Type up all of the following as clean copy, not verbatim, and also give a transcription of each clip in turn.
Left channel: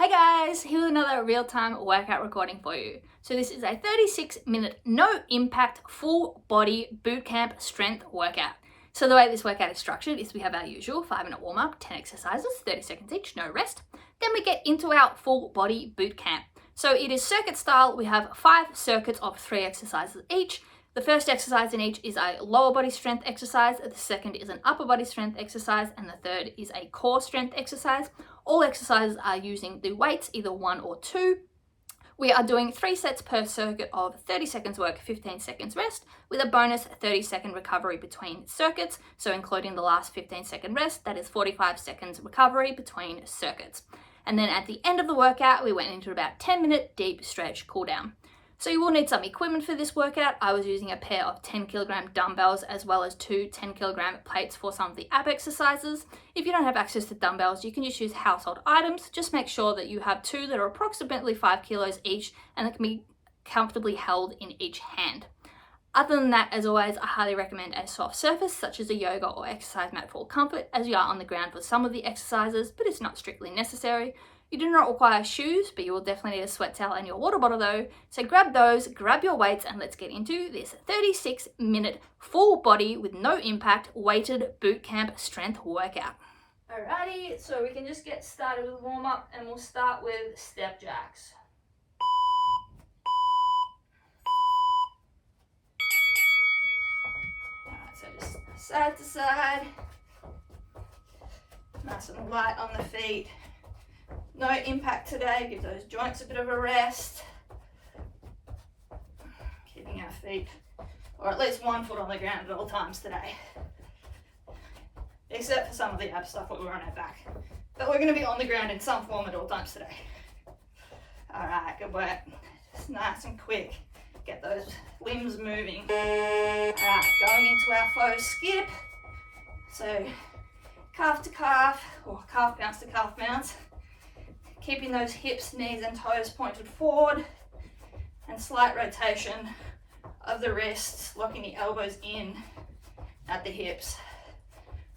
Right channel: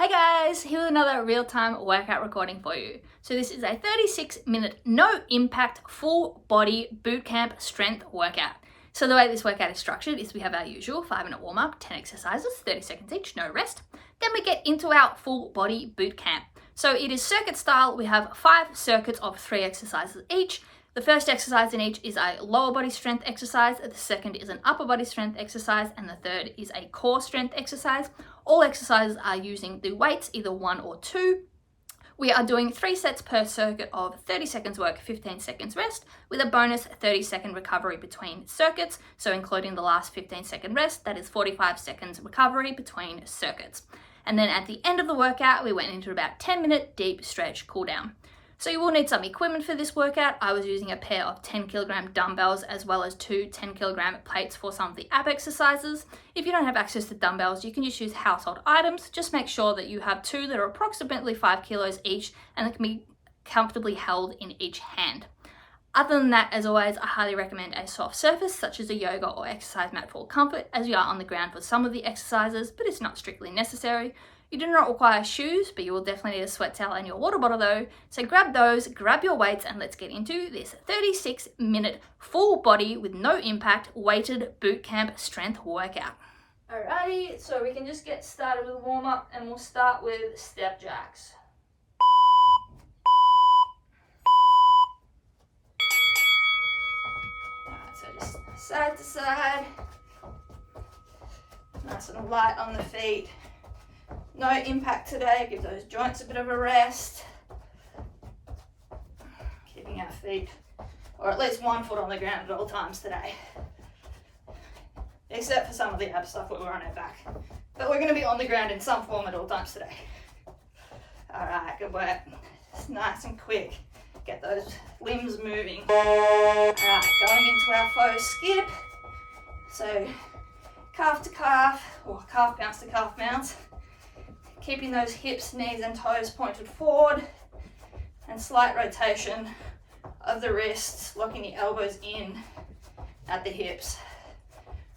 Hey guys, here's another real-time workout recording for you. So this is a 36-minute, no impact, full body bootcamp strength workout. So the way this workout is structured is we have our usual 5-minute warm-up, 10 exercises, 30 seconds each, no rest. Then we get into our full body bootcamp. So it is circuit style. We have 5 circuits of 3 exercises each. The first exercise in each is a lower body strength exercise, the second is an upper body strength exercise, and the third is a core strength exercise. All exercises are using the weights, either 1 or 2. We are doing 3 sets per circuit of 30 seconds work, 15 seconds rest, with a bonus 30-second recovery between circuits. So including the last 15-second rest, that is 45 seconds recovery between circuits. And then at the end of the workout, we went into about 10-minute deep stretch cool down. So you will need some equipment for this workout. I was using a pair of 10kg dumbbells as well as 2 10kg plates for some of the ab exercises. If you don't have access to dumbbells, you can just use household items. Just make sure that you have 2 that are approximately 5 kilos each and that can be comfortably held in each hand. Other than that, as always, I highly recommend a soft surface such as a yoga or exercise mat for comfort, as you are on the ground for some of the exercises, but it's not strictly necessary. You do not require shoes, but you will definitely need a sweat towel and your water bottle though. So grab those, grab your weights, and let's get into this 36-minute full body with no impact weighted bootcamp strength workout. Alrighty, so we can just get started with warm up and we'll start with step jacks. Alright, so just side to side, nice and light on the feet. No impact today, give those joints a bit of a rest. Keeping our feet, or at least 1 foot on the ground at all times today. Except for some of the ab stuff where we're on our back. But we're going to be on the ground in some form at all times today. Alright, good work. Just nice and quick. Get those limbs moving. Alright, going into our faux skip. So, calf to calf, or calf bounce to calf bounce. Keeping those hips, knees and toes pointed forward, and slight rotation of the wrists, locking the elbows in at the hips.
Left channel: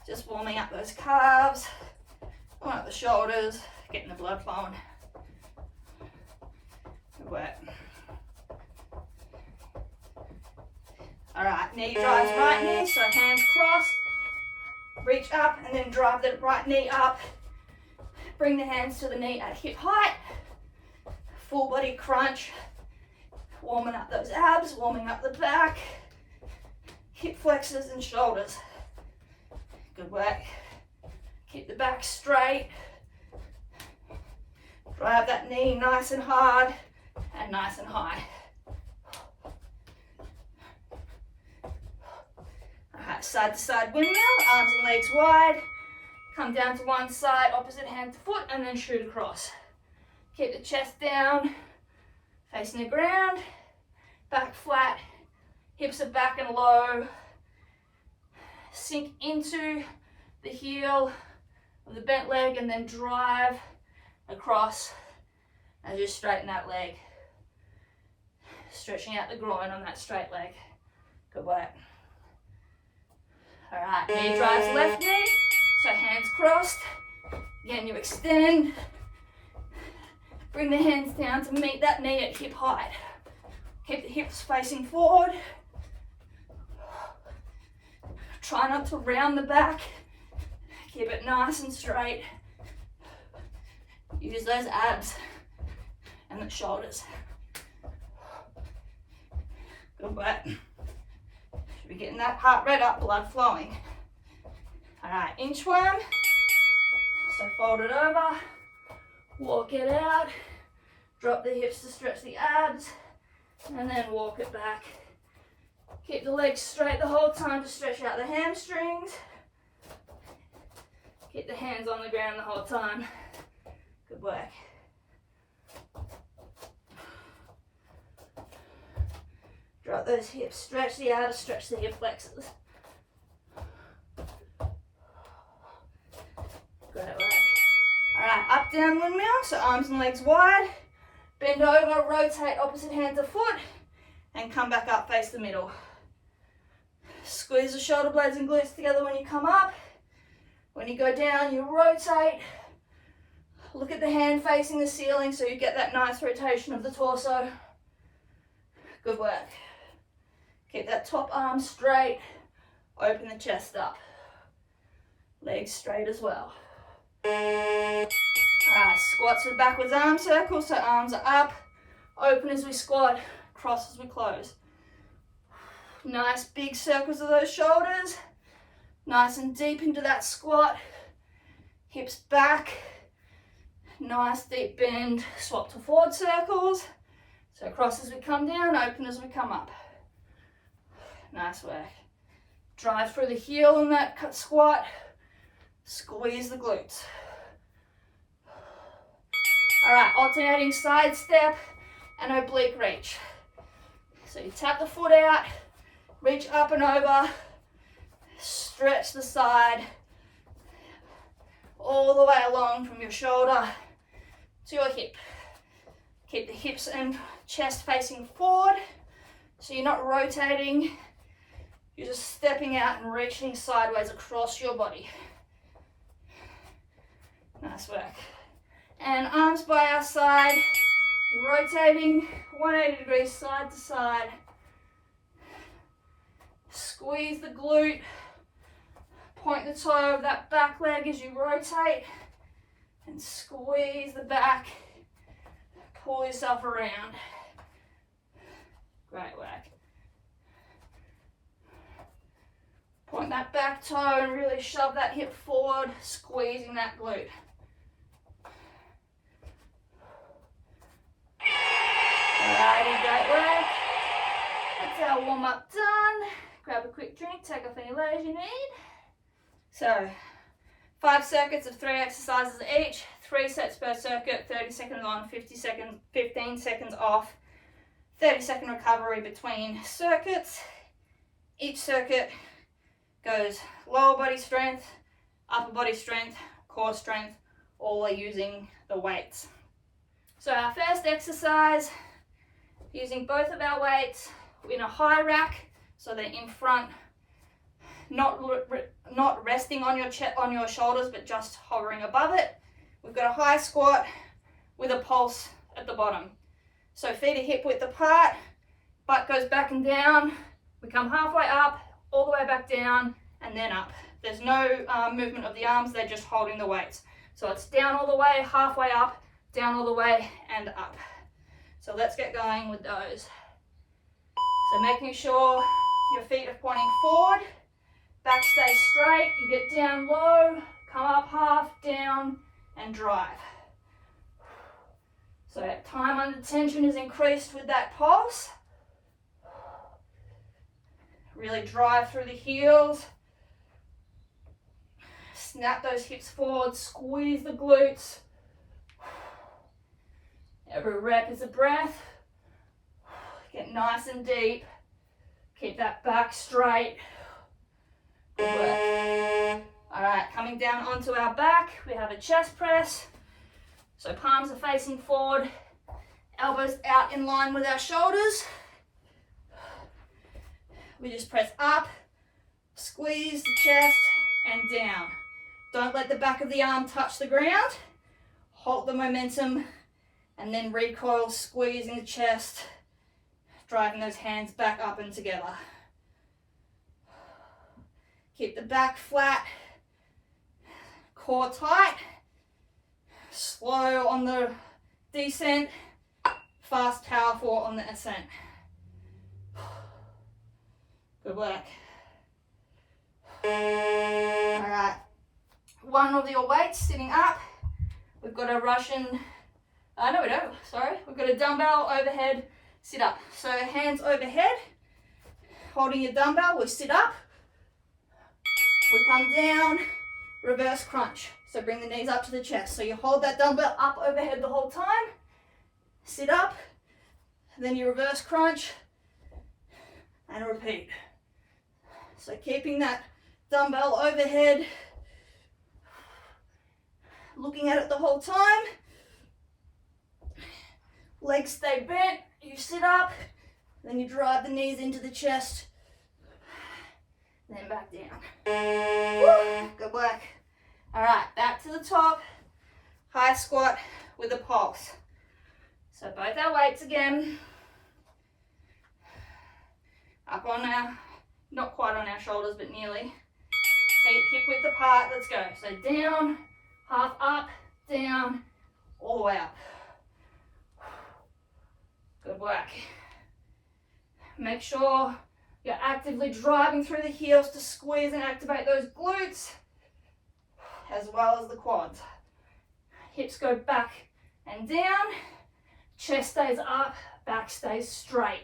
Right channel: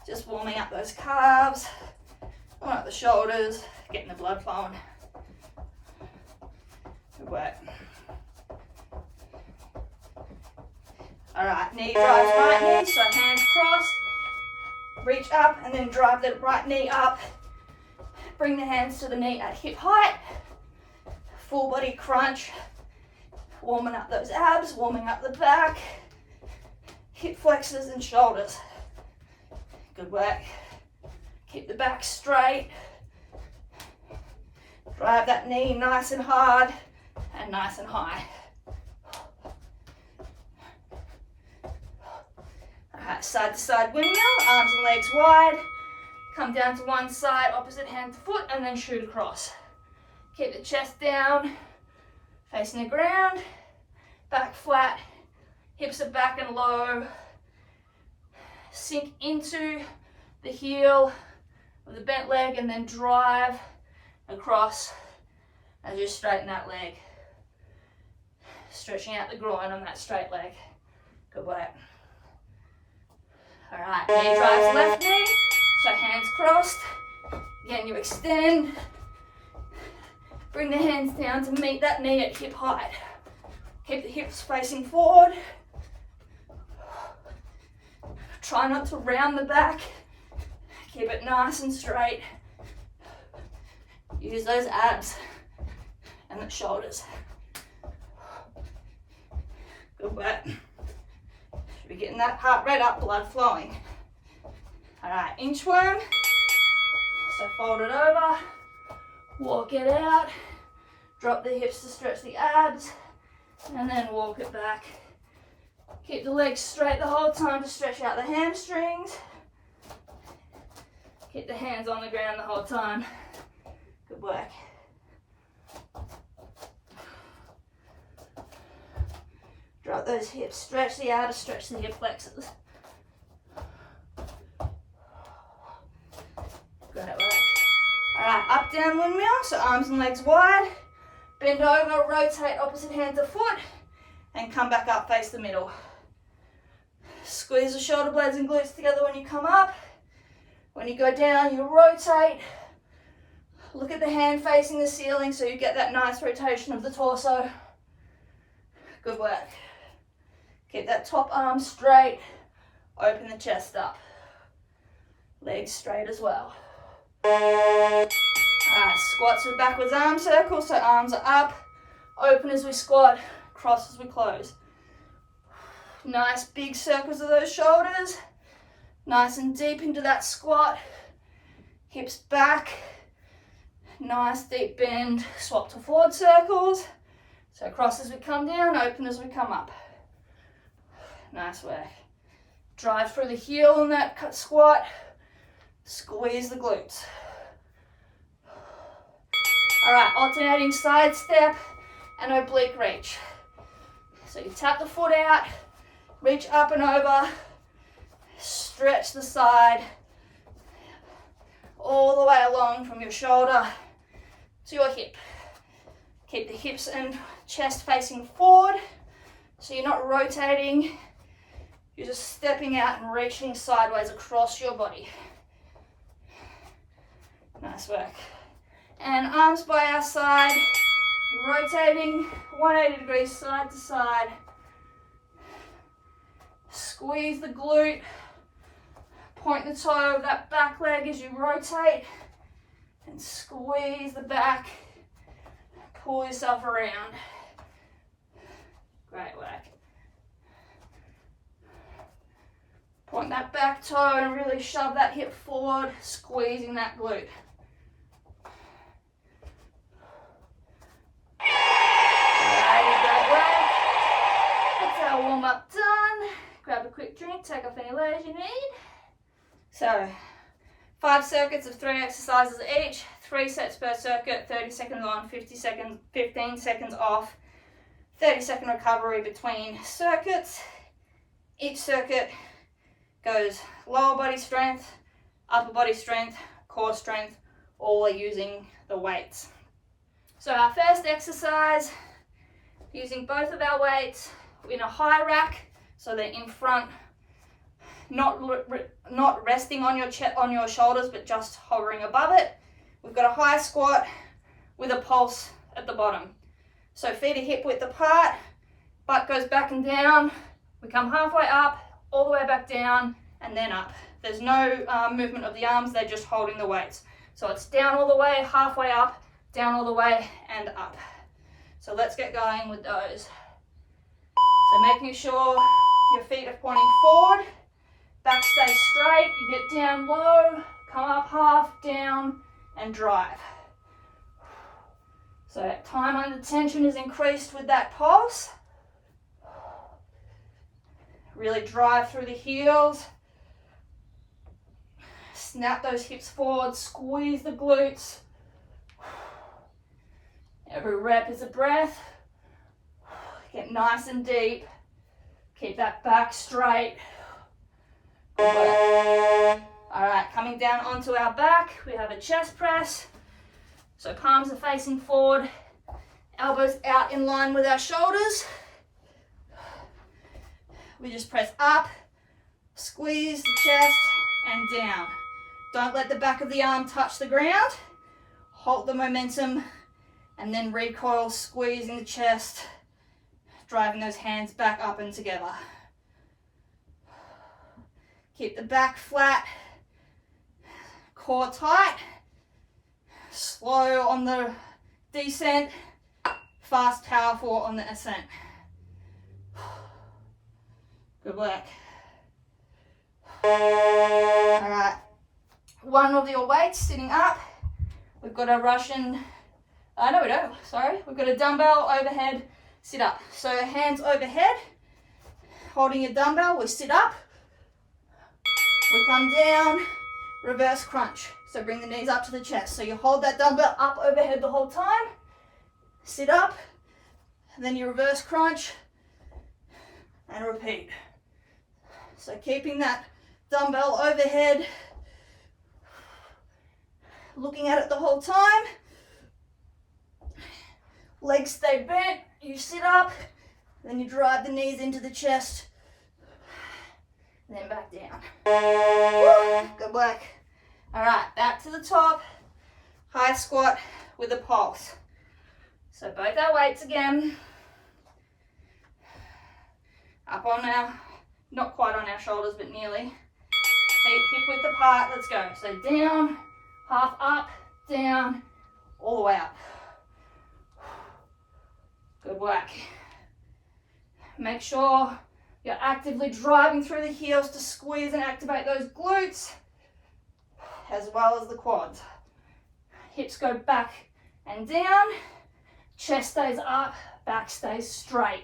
Just warming up those calves, warming up the shoulders, getting the blood flowing. Good work. Alright, knee drives right knee, so hands crossed, reach up and then drive the right knee up. Bring the hands to the knee at hip height, full body crunch, warming up those abs, warming up the back, hip flexors and shoulders. Good work. Keep the back straight. Drive that knee nice and hard and nice and high. Alright, side to side windmill, arms and legs wide. Come down to one side, opposite hand to foot, and then shoot across. Keep the chest down, facing the ground, back flat, hips are back and low. Sink into the heel of the bent leg and then drive across as you straighten that leg. Stretching out the groin on that straight leg. Good work. All right, knee drives left knee. So hands crossed, again you extend, bring the hands down to meet that knee at hip height. Keep the hips facing forward. Try not to round the back, keep it nice and straight. Use those abs and the shoulders. Good work. Should be getting that heart rate up, blood flowing. Alright, inchworm, so fold it over, walk it out, drop the hips to stretch the abs, and then walk it back. Keep the legs straight the whole time to stretch out the hamstrings. Keep the hands on the ground the whole time. Good work. Drop those hips, stretch the abs, stretch the hip flexors. Good at work. Alright, up, down, windmill, so arms and legs wide. Bend over, rotate opposite hand to foot, and come back up, face the middle. Squeeze the shoulder blades and glutes together when you come up. When you go down, you rotate, Look at the hand facing the ceiling so you get that nice rotation of the torso. Good work. Keep that top arm straight. Open the chest up. Legs straight as well. Alright, squats with backwards arm circles, so arms are up. Open as we squat, cross as we close. Nice big circles of those shoulders. Nice and deep into that squat. Hips back. Nice deep bend. Swap to forward circles. So cross as we come down, open as we come up. Nice work. Drive through the heel in that squat. Squeeze the glutes. Alright, alternating side step and oblique reach. So you tap the foot out, reach up and over, stretch the side, all the way along from your shoulder to your hip. Keep the hips and chest facing forward, so you're not rotating, you're just stepping out and reaching sideways across your body. Nice work. And arms by our side, rotating 180 degrees side to side. Squeeze the glute, point the toe of that back leg as you rotate, and squeeze the back, pull yourself around. Great work. Point that back toe and really shove that hip forward, squeezing that glute. Alrighty, great work. That's our warm up done. Grab a quick drink, take off any layers you need. So, 5 circuits of 3 exercises each, 3 sets per circuit, 30 seconds on, 15 seconds off, 30-second recovery between circuits. Each circuit goes lower body strength, upper body strength, core strength, all are using the weights. So our first exercise, using both of our weights in a high rack, so they're in front, not resting on your shoulders, but just hovering above it. We've got a high squat with a pulse at the bottom. So feet are hip width apart, butt goes back and down. We come halfway up, all the way back down, and then up. There's no movement of the arms, they're just holding the weights. So it's down all the way, halfway up, down all the way, and up. So let's get going with those. So making sure your feet are pointing forward, back stays straight, you get down low, come up half, down, and drive. So time under tension is increased with that pulse. Really drive through the heels. Snap those hips forward, squeeze the glutes. Every rep is a breath. Get nice and deep. Keep that back straight. Good work. All right, coming down onto our back, we have a chest press. So palms are facing forward, elbows out in line with our shoulders. We just press up, squeeze the chest, and down. Don't let the back of the arm touch the ground. Hold the momentum, and then recoil, squeezing the chest, driving those hands back up and together. Keep the back flat, core tight, slow on the descent, fast, powerful on the ascent. Good work. All right, one of your weights sitting up. We've got a Russian, no we don't, sorry. We've got a dumbbell overhead sit up. So hands overhead, holding your dumbbell, we sit up. We come down, reverse crunch. So bring the knees up to the chest. So you hold that dumbbell up overhead the whole time, sit up, and then you reverse crunch, and repeat. So keeping that dumbbell overhead, looking at it the whole time. Legs stay bent, you sit up, then you drive the knees into the chest, and then back down. Woo, good work. All right, back to the top. high squat with a pulse. So both our weights again. Up on our, not quite on our shoulders, but nearly. Feet hip width apart, let's go. So down, half up, down, all the way up. Good work. Make sure you're actively driving through the heels to squeeze and activate those glutes, as well as the quads. Hips go back and down, chest stays up, back stays straight.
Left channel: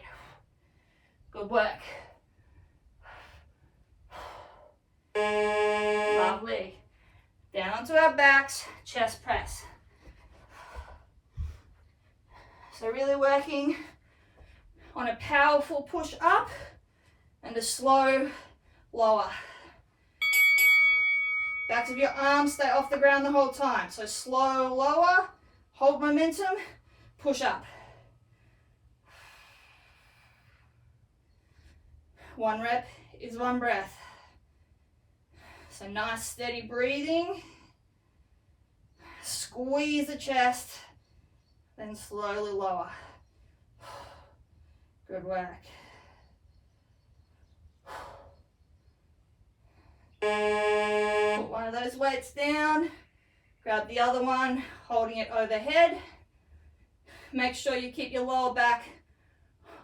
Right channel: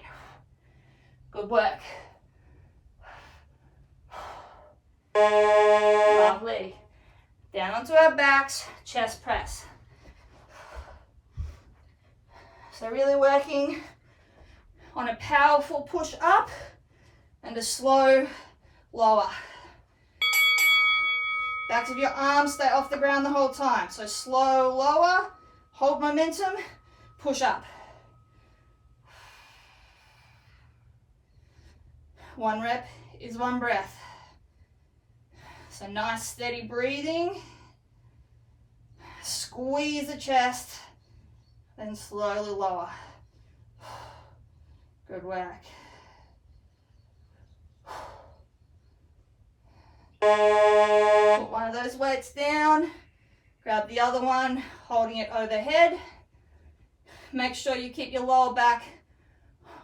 Good work. Lovely. Down onto our backs, chest press. So really working on a powerful push up and a slow lower. Backs of your arms stay off the ground the whole time. So slow lower, hold momentum, push up. One rep is one breath. So nice steady breathing. Squeeze the chest, then slowly lower. Good work. Put one of those weights down, grab the other one, holding it overhead. Make sure you keep your lower back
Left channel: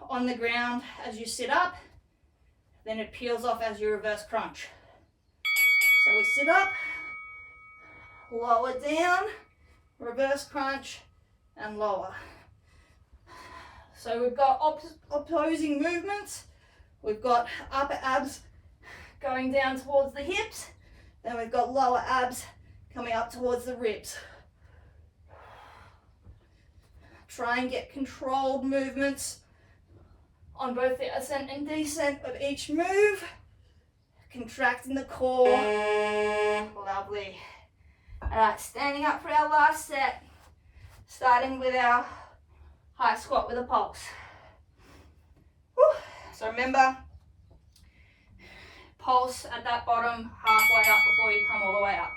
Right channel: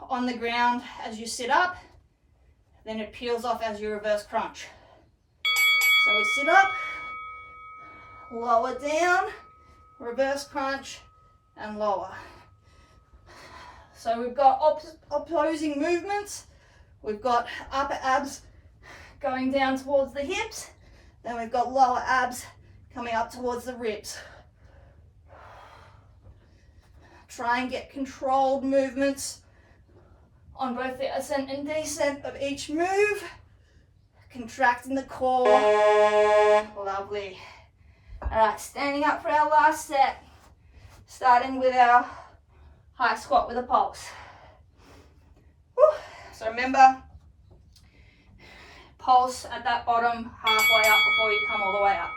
on the ground as you sit up, then it peels off as you reverse crunch. So we sit up, lower down, reverse crunch, and lower. So we've got opposing movements. We've got upper abs going down towards the hips, then we've got lower abs coming up towards the ribs. Try and get controlled movements on both the ascent and descent of each move. Contracting the core. Lovely. All right, standing up for our last set, starting with our high squat with a pulse. Woo. So remember, pulse at that bottom, halfway up before you come all the way up.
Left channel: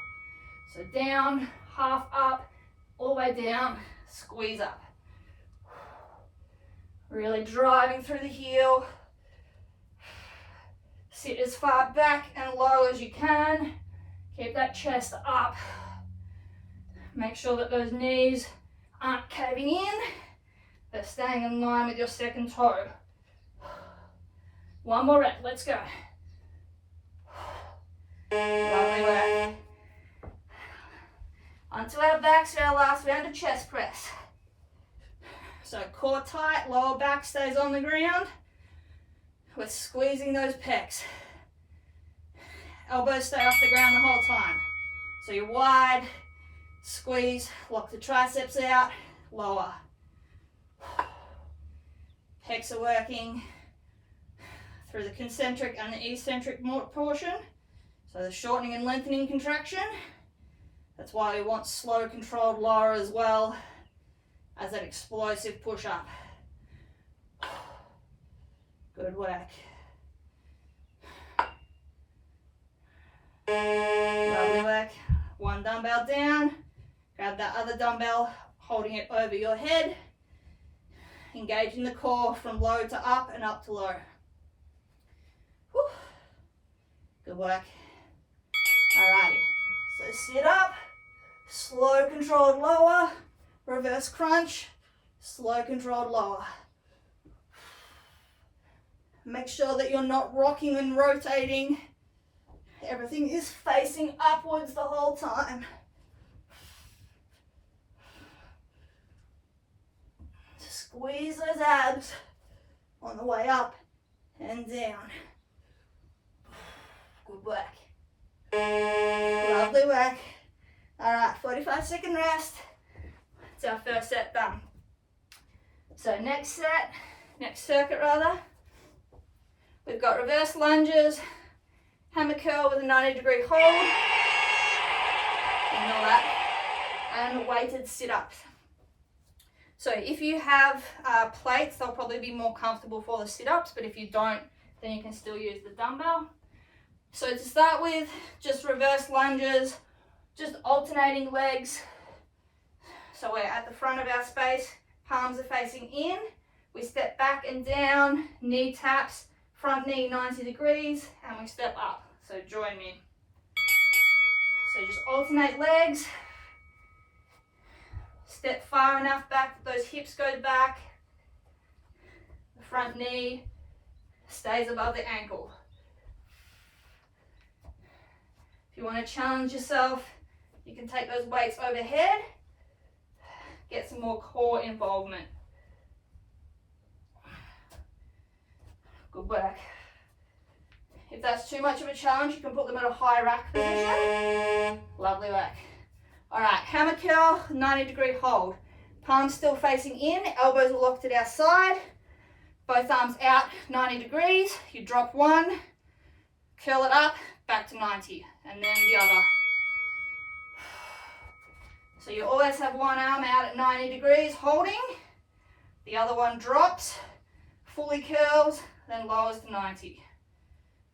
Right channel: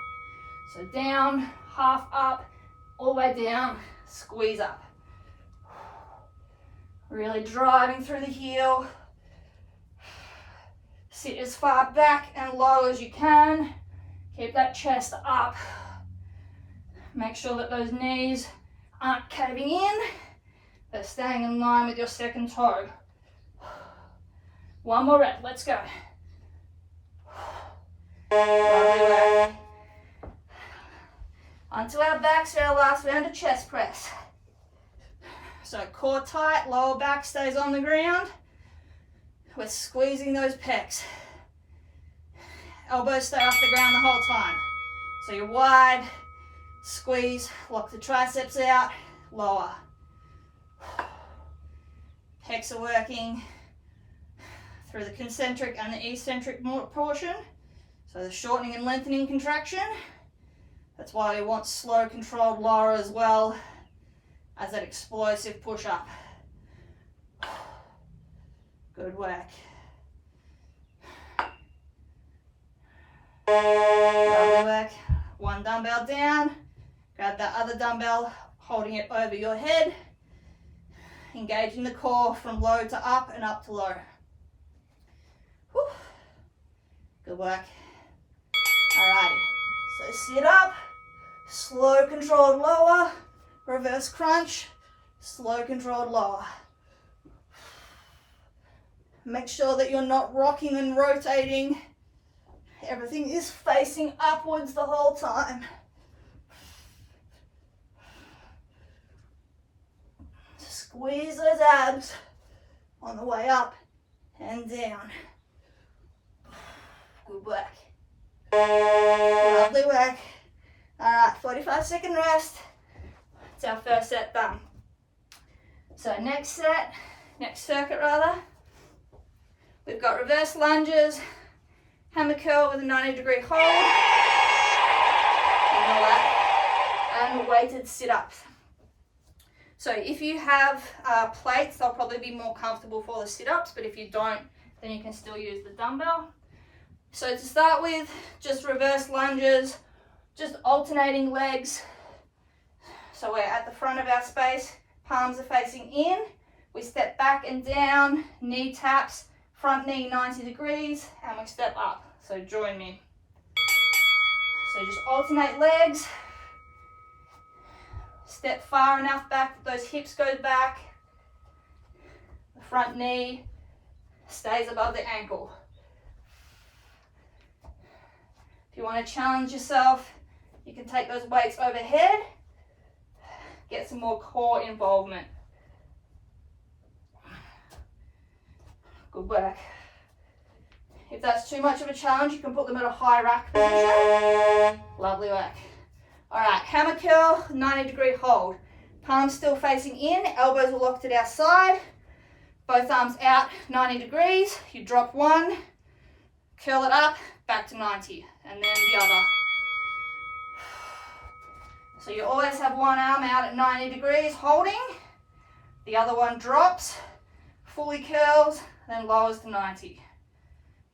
So down, half up, all the way down, squeeze up. Really driving through the heel. Sit as far back and low as you can. Keep that chest up. Make sure that those knees aren't caving in. They're staying in line with your second toe. One more rep, let's go. Lovely work. Onto our backs for our last round of chest press. So core tight, lower back stays on the ground. We're squeezing those pecs. Elbows stay off the ground the whole time. So you're wide, squeeze, lock the triceps out, lower. Pecs are working through the concentric and the eccentric portion. So the shortening and lengthening contraction. That's why we want slow, controlled lower as well as that explosive push up. Good work. Lovely work. One dumbbell down. Grab that other dumbbell, holding it over your head. Engaging the core from low to up and up to low. Whew. Good work. Alrighty. So sit up, slow controlled lower, reverse crunch, slow controlled lower. Make sure that you're not rocking and rotating. Everything is facing upwards the whole time. Squeeze those abs on the way up and down. Good work. Lovely work. All right, 45-second rest. It's our first set done. So next circuit rather, we've got reverse lunges, hammer curl with a 90-degree hold, ignore that, and weighted sit-ups. So if you have plates, they'll probably be more comfortable for the sit-ups, but if you don't, then you can still use the dumbbell. So to start with, just reverse lunges, just alternating legs, So we're at the front of our space, palms are facing in. We step back and down, knee taps, front knee 90 degrees, and we step up. So join me. So just alternate legs. Step far enough back that those hips go back. The front knee stays above the ankle. If you want to challenge yourself, you can take those weights overhead. Get some more core involvement. Good work. If that's too much of a challenge, you can put them at a high rack position. Lovely work. All right, hammer curl, 90-degree hold. Palms still facing in, elbows are locked at our side. Both arms out, 90 degrees. You drop one, curl it up, back to 90, and then the other. So you always have one arm out at 90 degrees holding. The other one drops, fully curls, then lowers to 90.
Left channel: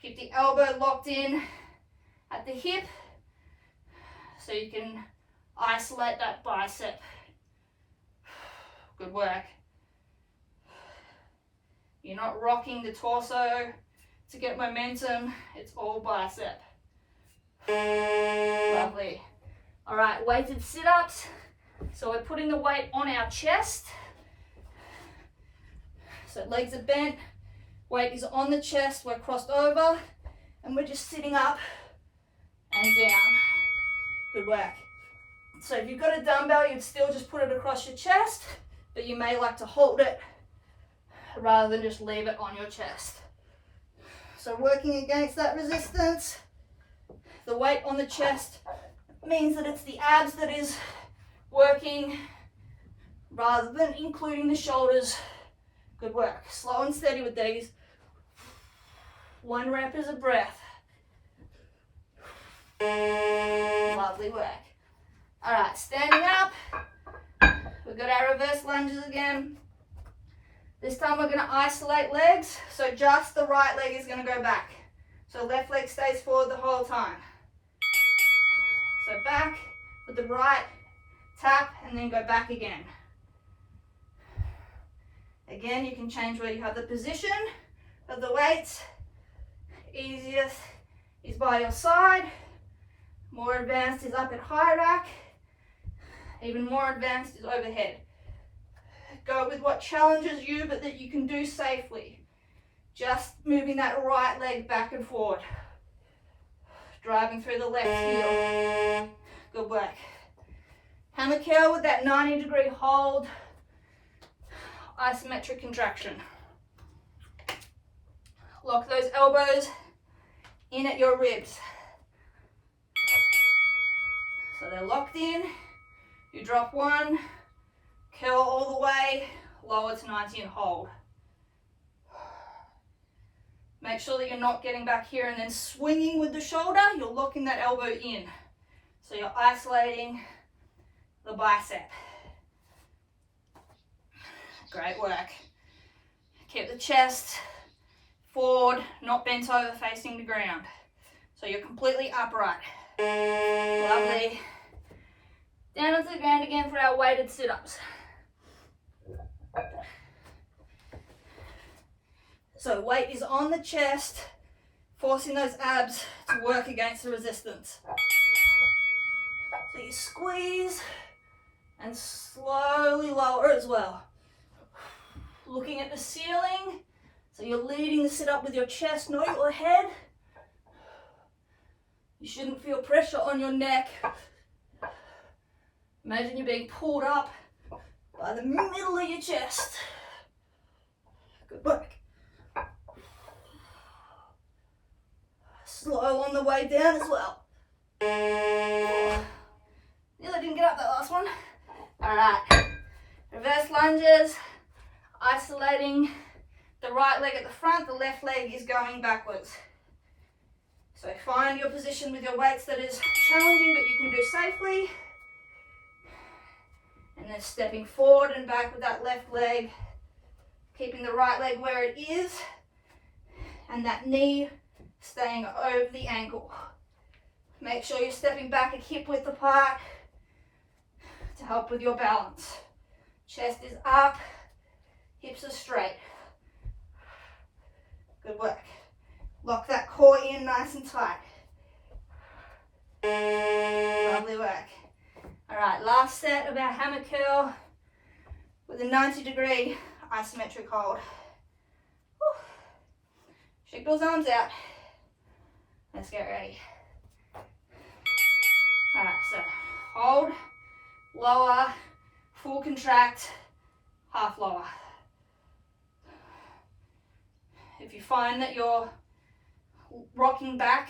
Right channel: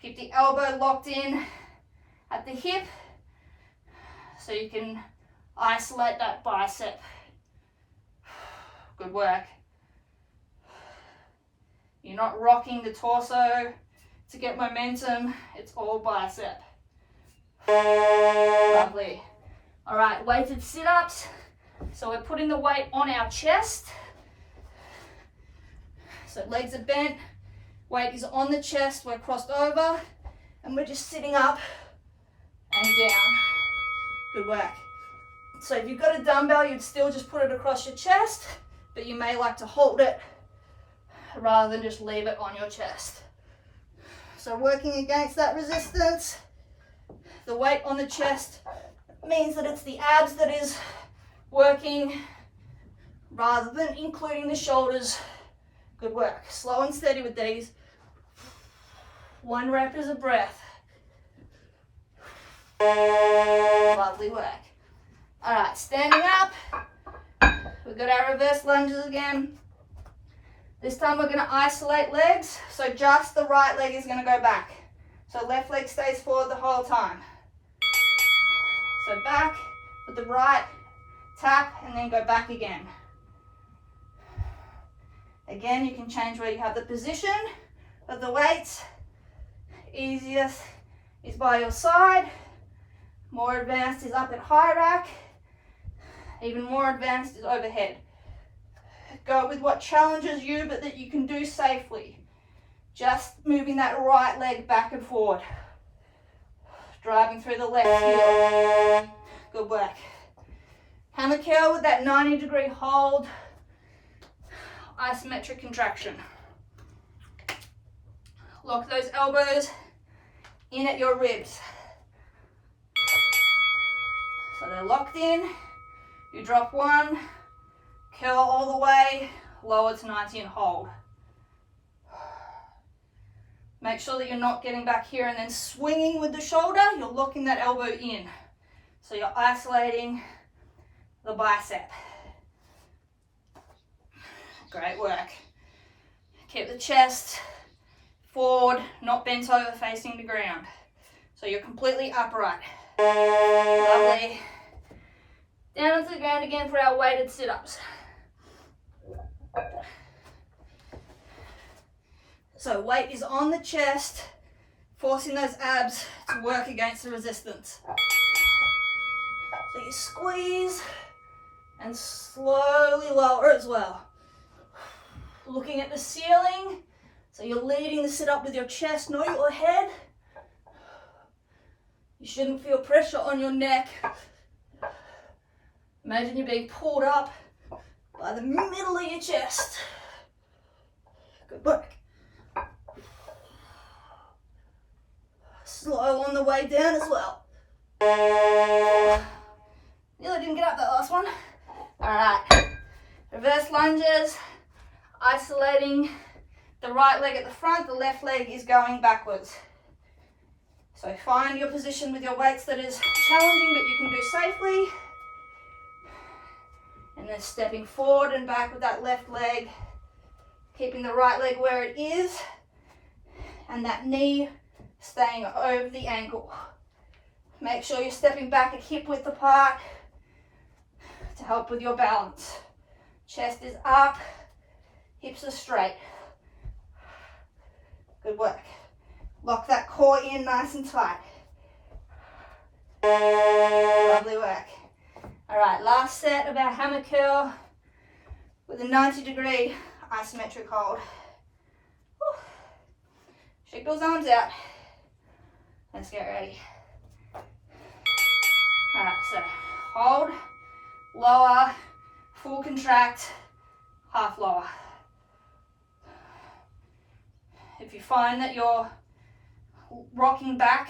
Keep the elbow locked in at the hip so you can isolate that bicep. Good work. You're not rocking the torso to get momentum, it's all bicep. Lovely. All right, weighted sit-ups. So we're putting the weight on our chest. So legs are bent, weight is on the chest, we're crossed over, and we're just sitting up and down. Good work. So if you've got a dumbbell, you'd still just put it across your chest, but you may like to hold it rather than just leave it on your chest. So working against that resistance, the weight on the chest means that it's the abs that is working rather than including the shoulders. Good work. Slow and steady with these. One rep is a breath. Lovely work. All right, standing up. We've got our reverse lunges again. This time we're going to isolate legs, so just the right leg is going to go back. So left leg stays forward the whole time. So back with the right, tap, and then go back again. Again, you can change where you have the position of the weights. Easiest is by your side. More advanced is up at high rack. Even more advanced is overhead. Go with what challenges you, but that you can do safely. Just moving that right leg back and forward. Driving through the left heel. Good work. Hammer curl with that 90-degree hold. Isometric contraction. Lock those elbows in at your ribs. So they're locked in. You drop one, curl all the way, lower to 90 and hold. Make sure that you're not getting back here and then swinging with the shoulder. You're locking that elbow in. So you're isolating the bicep. Great work. Keep the chest forward, not bent over facing the ground. So you're completely upright. Lovely. Down onto the ground again for our weighted sit-ups. So weight is on the chest, forcing those abs to work against the resistance. So you squeeze and slowly lower as well. Looking at the ceiling, so you're leading the sit-up with your chest, not your head. You shouldn't feel pressure on your neck. Imagine you're being pulled up by the middle of your chest. Good work. Slow on the way down as well. Nearly didn't get up that last one. All right, reverse lunges, isolating the right leg at the front, the left leg is going backwards. So find your position with your weights that is challenging but you can do safely. And then stepping forward and back with that left leg, keeping the right leg where it is, and that knee staying over the ankle. Make sure you're stepping back a hip width apart. to help with your balance. Chest is up, hips are straight. Good work. Lock that core in nice and tight. Lovely work. All right, last set of our hammer curl with a 90-degree isometric hold. Whew. Shake those arms out. Let's get ready. All right, so hold, lower, full contract, half lower. If you find that you're rocking back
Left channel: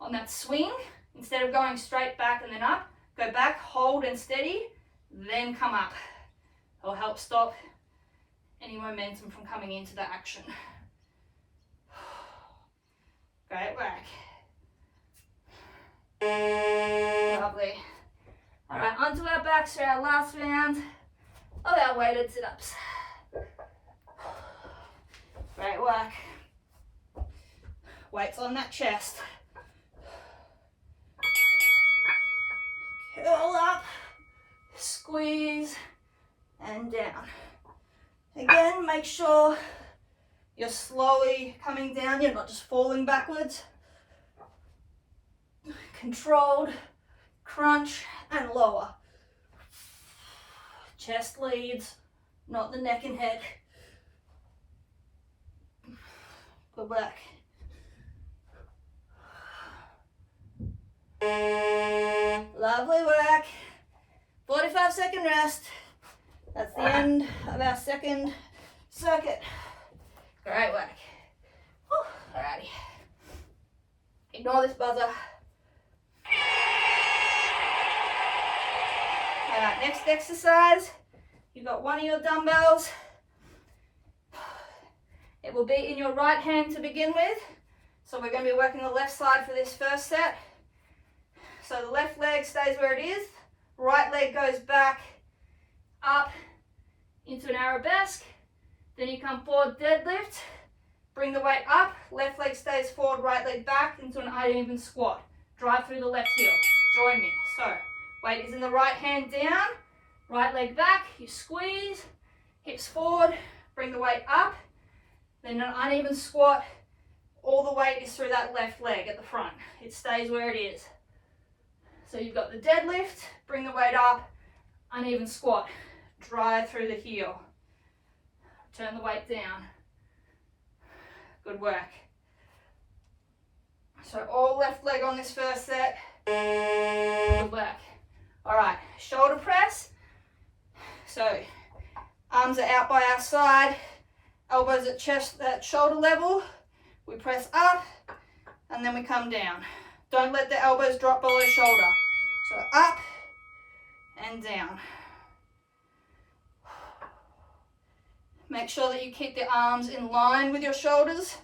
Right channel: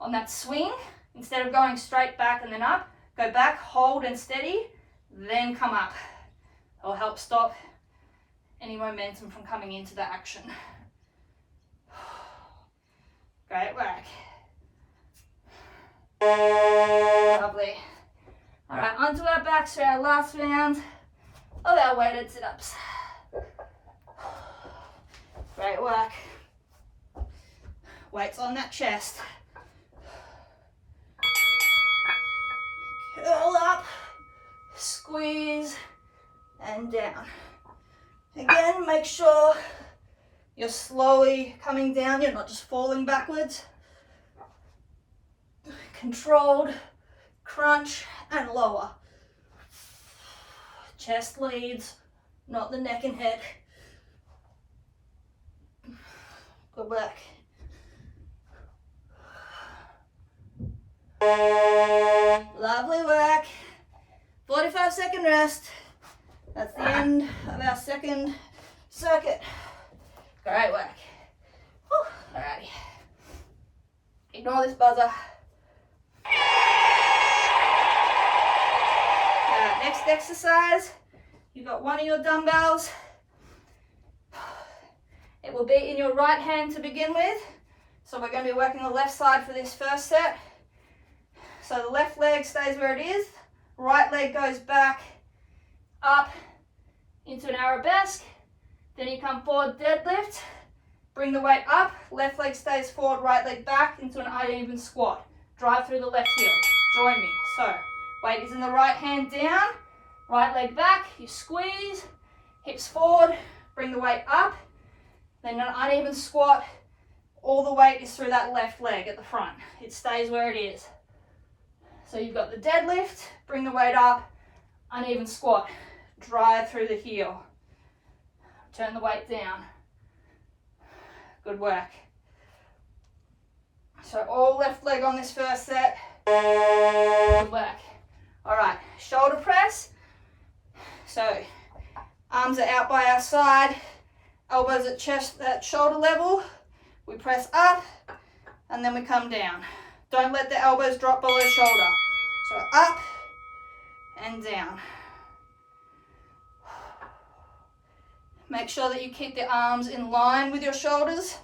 on that swing, instead of going straight back and then up, go back, hold and steady, then come up. It'll help stop any momentum from coming into the action. Great work. Lovely. All right, onto our backs for our last round of our weighted sit-ups. Great work. Weights on that chest. Curl up, squeeze, and down. Again, make sure you're slowly coming down, you're not just falling backwards. Controlled, crunch, and lower. Chest leads, not the neck and head. Good work. Lovely work. 45-second rest. That's the end of our second circuit. Great work. Alrighty. Ignore this buzzer. Alright, next exercise. You've got one of your dumbbells. It will be in your right hand to begin with. So we're going to be working the left side for this first set. So the left leg stays where it is. Right leg goes back, up into an arabesque. Then you come forward, deadlift. Bring the weight up. Left leg stays forward, right leg back into an uneven squat. Drive through the left heel. Join me. So weight is in the right hand down. Right leg back. You squeeze. Hips forward. Bring the weight up. Then an uneven squat. All the weight is through that left leg at the front. It stays where it is. So you've got the deadlift, bring the weight up, uneven squat, drive through the heel. Turn the weight down. Good work. So all left leg on this first set. Good work. All right, shoulder press. So arms are out by our side, elbows at chest, at shoulder level. We press up and then we come down. Don't let the elbows drop below shoulder. So up and down. Make sure that you keep the arms in line with your shoulders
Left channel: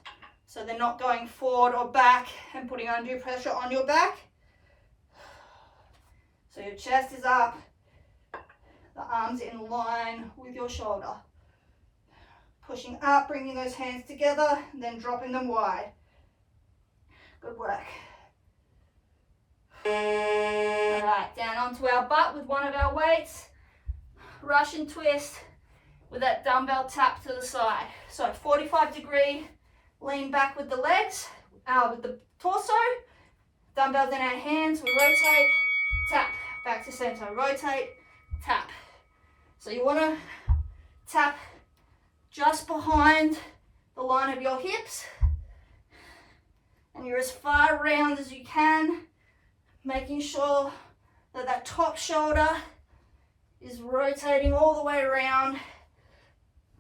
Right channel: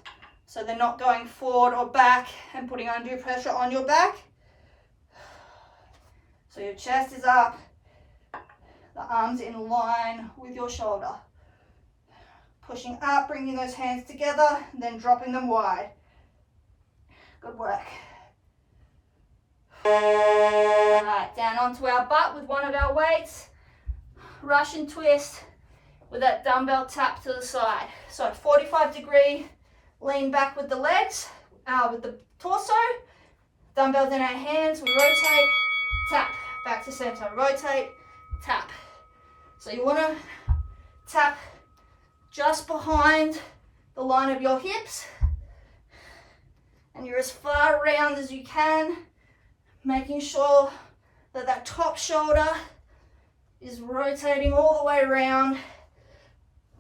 so they're not going forward or back and putting undue pressure on your back. So your chest is up, the arms in line with your shoulder. Pushing up, bringing those hands together, then dropping them wide. Good work. All right, down onto our butt with one of our weights. Russian twist with that dumbbell tap to the side. So 45-degree lean back with the legs, with the torso. Dumbbells in our hands, we rotate, tap, back to center, rotate, tap. So you want to tap just behind the line of your hips, and you're as far around as you can, making sure that that top shoulder is rotating all the way around.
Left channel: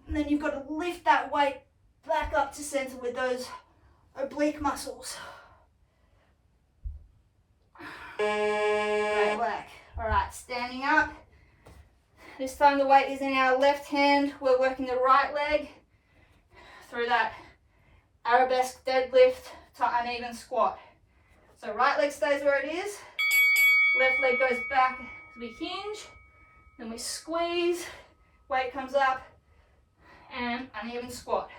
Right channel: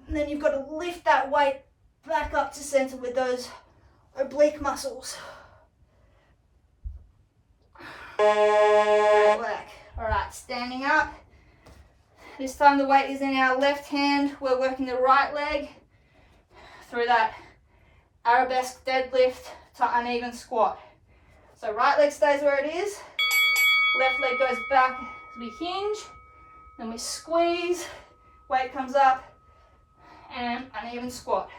And then you've got to lift that weight back up to center with those oblique muscles. Great work. All right, standing up. This time the weight is in our left hand. We're working the right leg through that arabesque deadlift to uneven squat. So right leg stays where it is. Left leg goes back as we hinge. Then we squeeze. Weight comes up and uneven squat.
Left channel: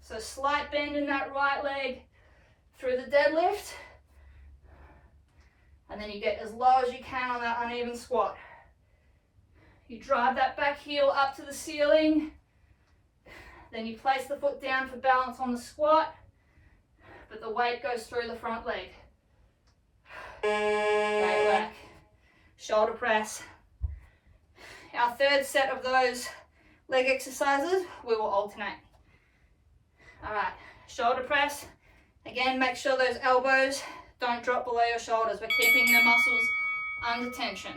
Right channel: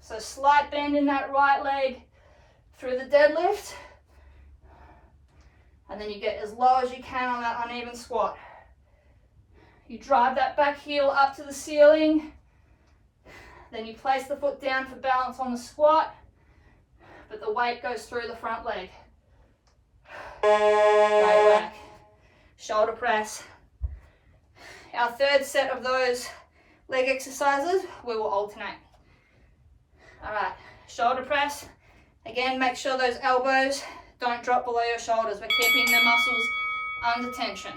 So slight bend in that right leg through the deadlift. And then you get as low as you can on that uneven squat. You drive that back heel up to the ceiling. Then you place the foot down for balance on the squat, but the weight goes through the front leg. Great work. Shoulder press. Our third set of those leg exercises, we will alternate. All right, shoulder press. Again, make sure those elbows don't drop below your shoulders. We're keeping the muscles under tension.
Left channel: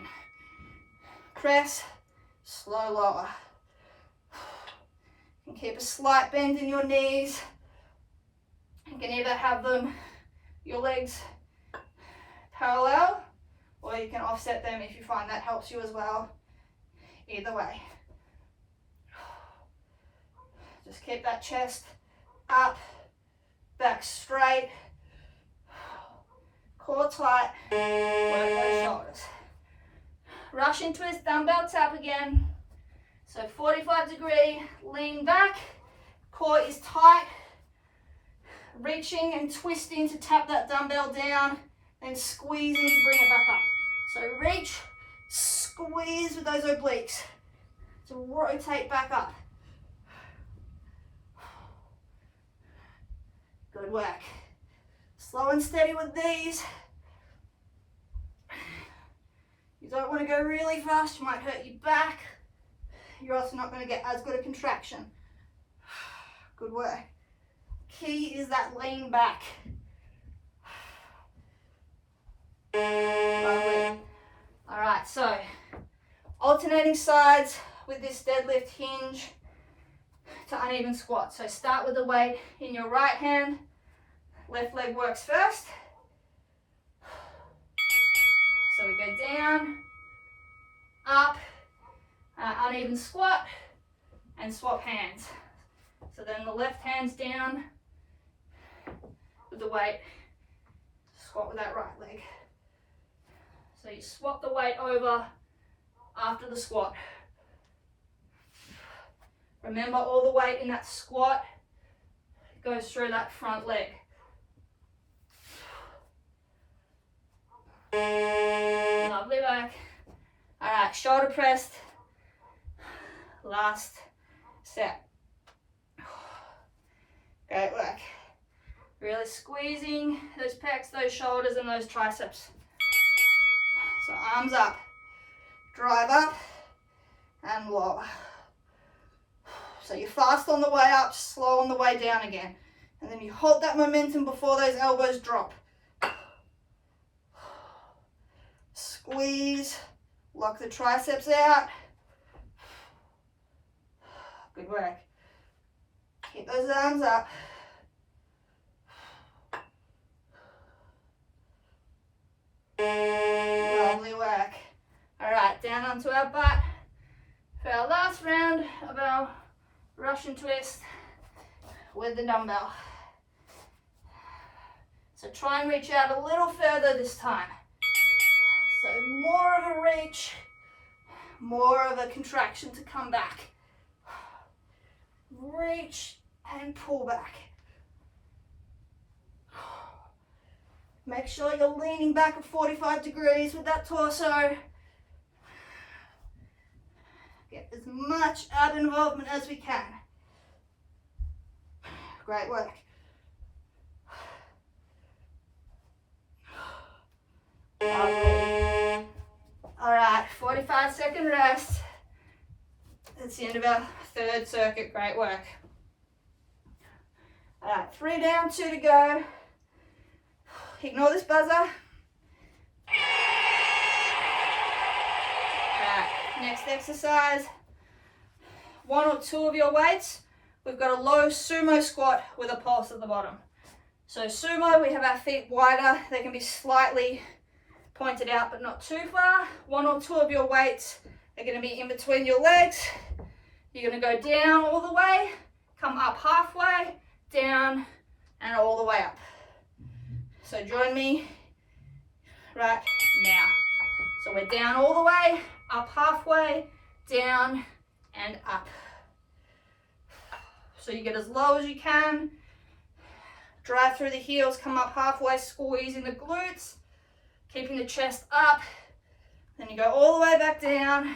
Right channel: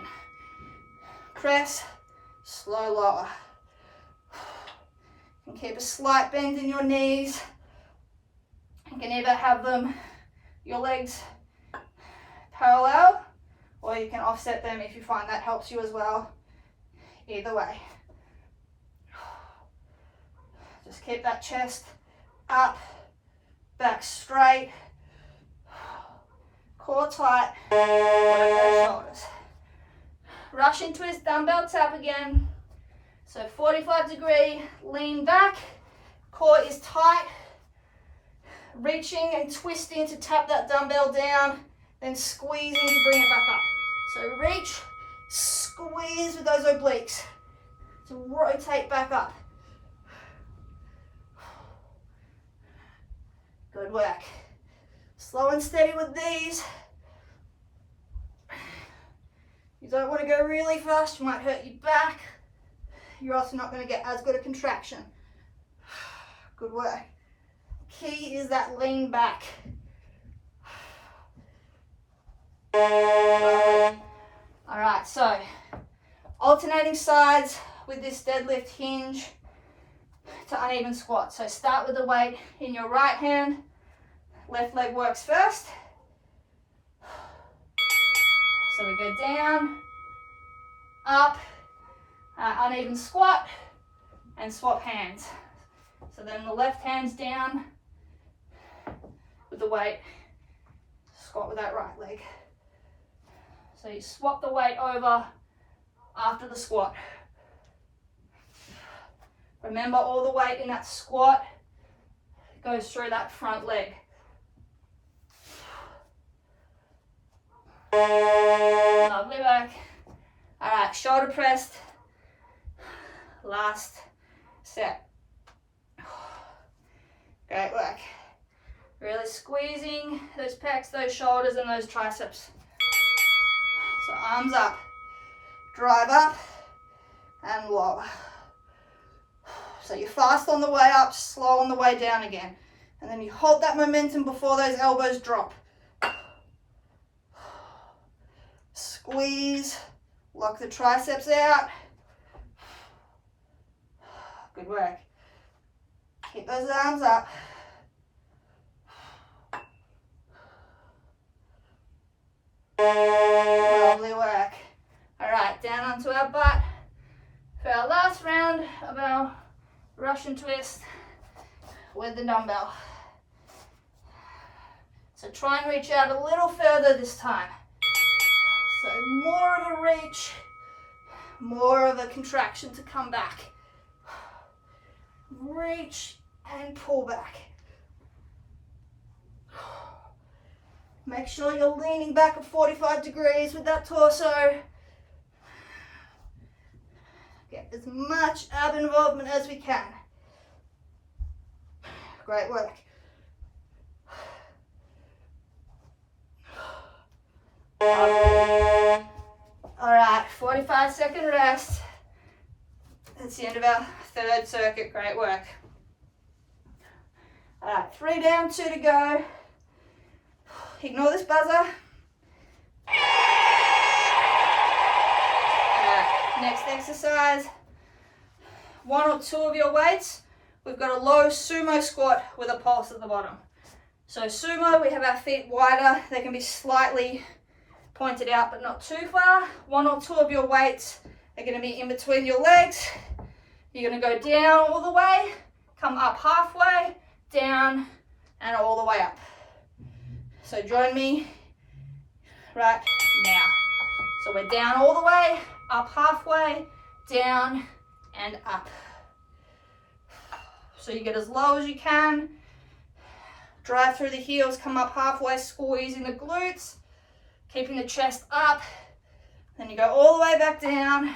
Press, slow lower. You can keep a slight bend in your knees. You can either have them, your legs parallel, or you can offset them if you find that helps you as well. Either way. Just keep that chest up, back straight, core tight, work those shoulders. Russian twist, dumbbell tap again. So 45-degree, lean back, core is tight, reaching and twisting to tap that dumbbell down, then squeezing to bring it back up. So reach, squeeze with those obliques to rotate back up. Good work. Slow and steady with these. You don't want to go really fast, you might hurt your back. You're also not going to get as good a contraction. Good work. Key is that lean back. Lovely. All right, so alternating sides with this deadlift hinge to uneven squat. So start with the weight in your right hand. Left leg works first. So we go down, up, uneven squat, and swap hands. So then the left hand's down with the weight, squat with that right leg. So you swap the weight over after the squat. Remember, all the weight in that squat goes through that front leg. Lovely work. All right, shoulder pressed. Last set. Great work. Really squeezing those pecs, those shoulders, and those triceps. So arms up, drive up, and lower. So you're fast on the way up, slow on the way down again. And then you hold that momentum before those elbows drop. Squeeze, lock the triceps out. Good work. Keep those arms up. Lovely work. All right, down onto our butt for our last round of our Russian twist with the dumbbell. So try and reach out a little further this time. So more of a reach, more of a contraction to come back. Reach and pull back. Make sure you're leaning back at 45 degrees with that torso. Get as much ab involvement as we can. Great work. Lovely. All right, 45-second rest. That's the end of our third circuit. Great work. All right, 3 down, 2 to go. Ignore this buzzer. All right, next exercise. 1 or 2 of your weights. We've got a low sumo squat with a pulse at the bottom. So sumo, we have our feet wider. They can be slightly pointed out, but not too far. 1 or 2 of your weights are going to be in between your legs. You're going to go down all the way, come up halfway, down, and all the way up. So join me right now. So we're down all the way, up halfway, down, and up. So you get as low as you can. Drive through the heels, come up halfway, squeezing the glutes. keeping the chest up. Then you go all the way back down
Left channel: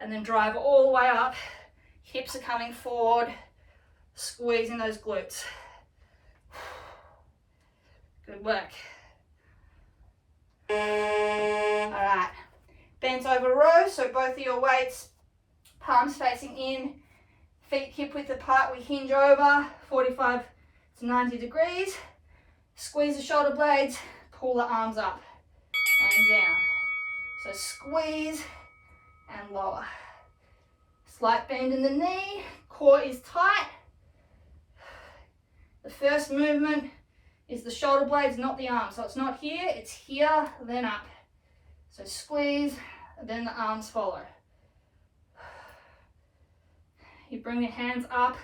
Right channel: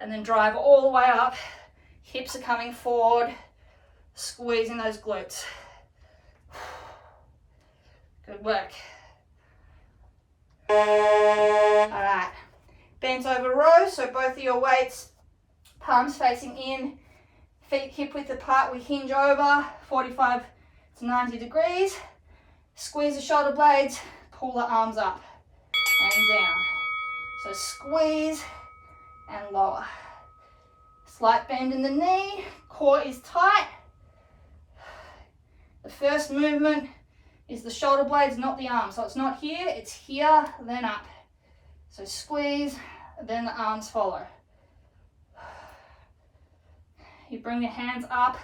and then drive all the way up. Hips are coming forward, squeezing those glutes. Good work. All right, bent over row, so both of your weights, palms facing in, feet hip width apart, we hinge over 45 to 90 degrees. Squeeze the shoulder blades, pull the arms up and down. So squeeze and lower. Slight bend in the knee, core is tight. The first movement is the shoulder blades, not the arms. So it's not here, it's here, then up. So squeeze, then the arms follow. You bring your hands up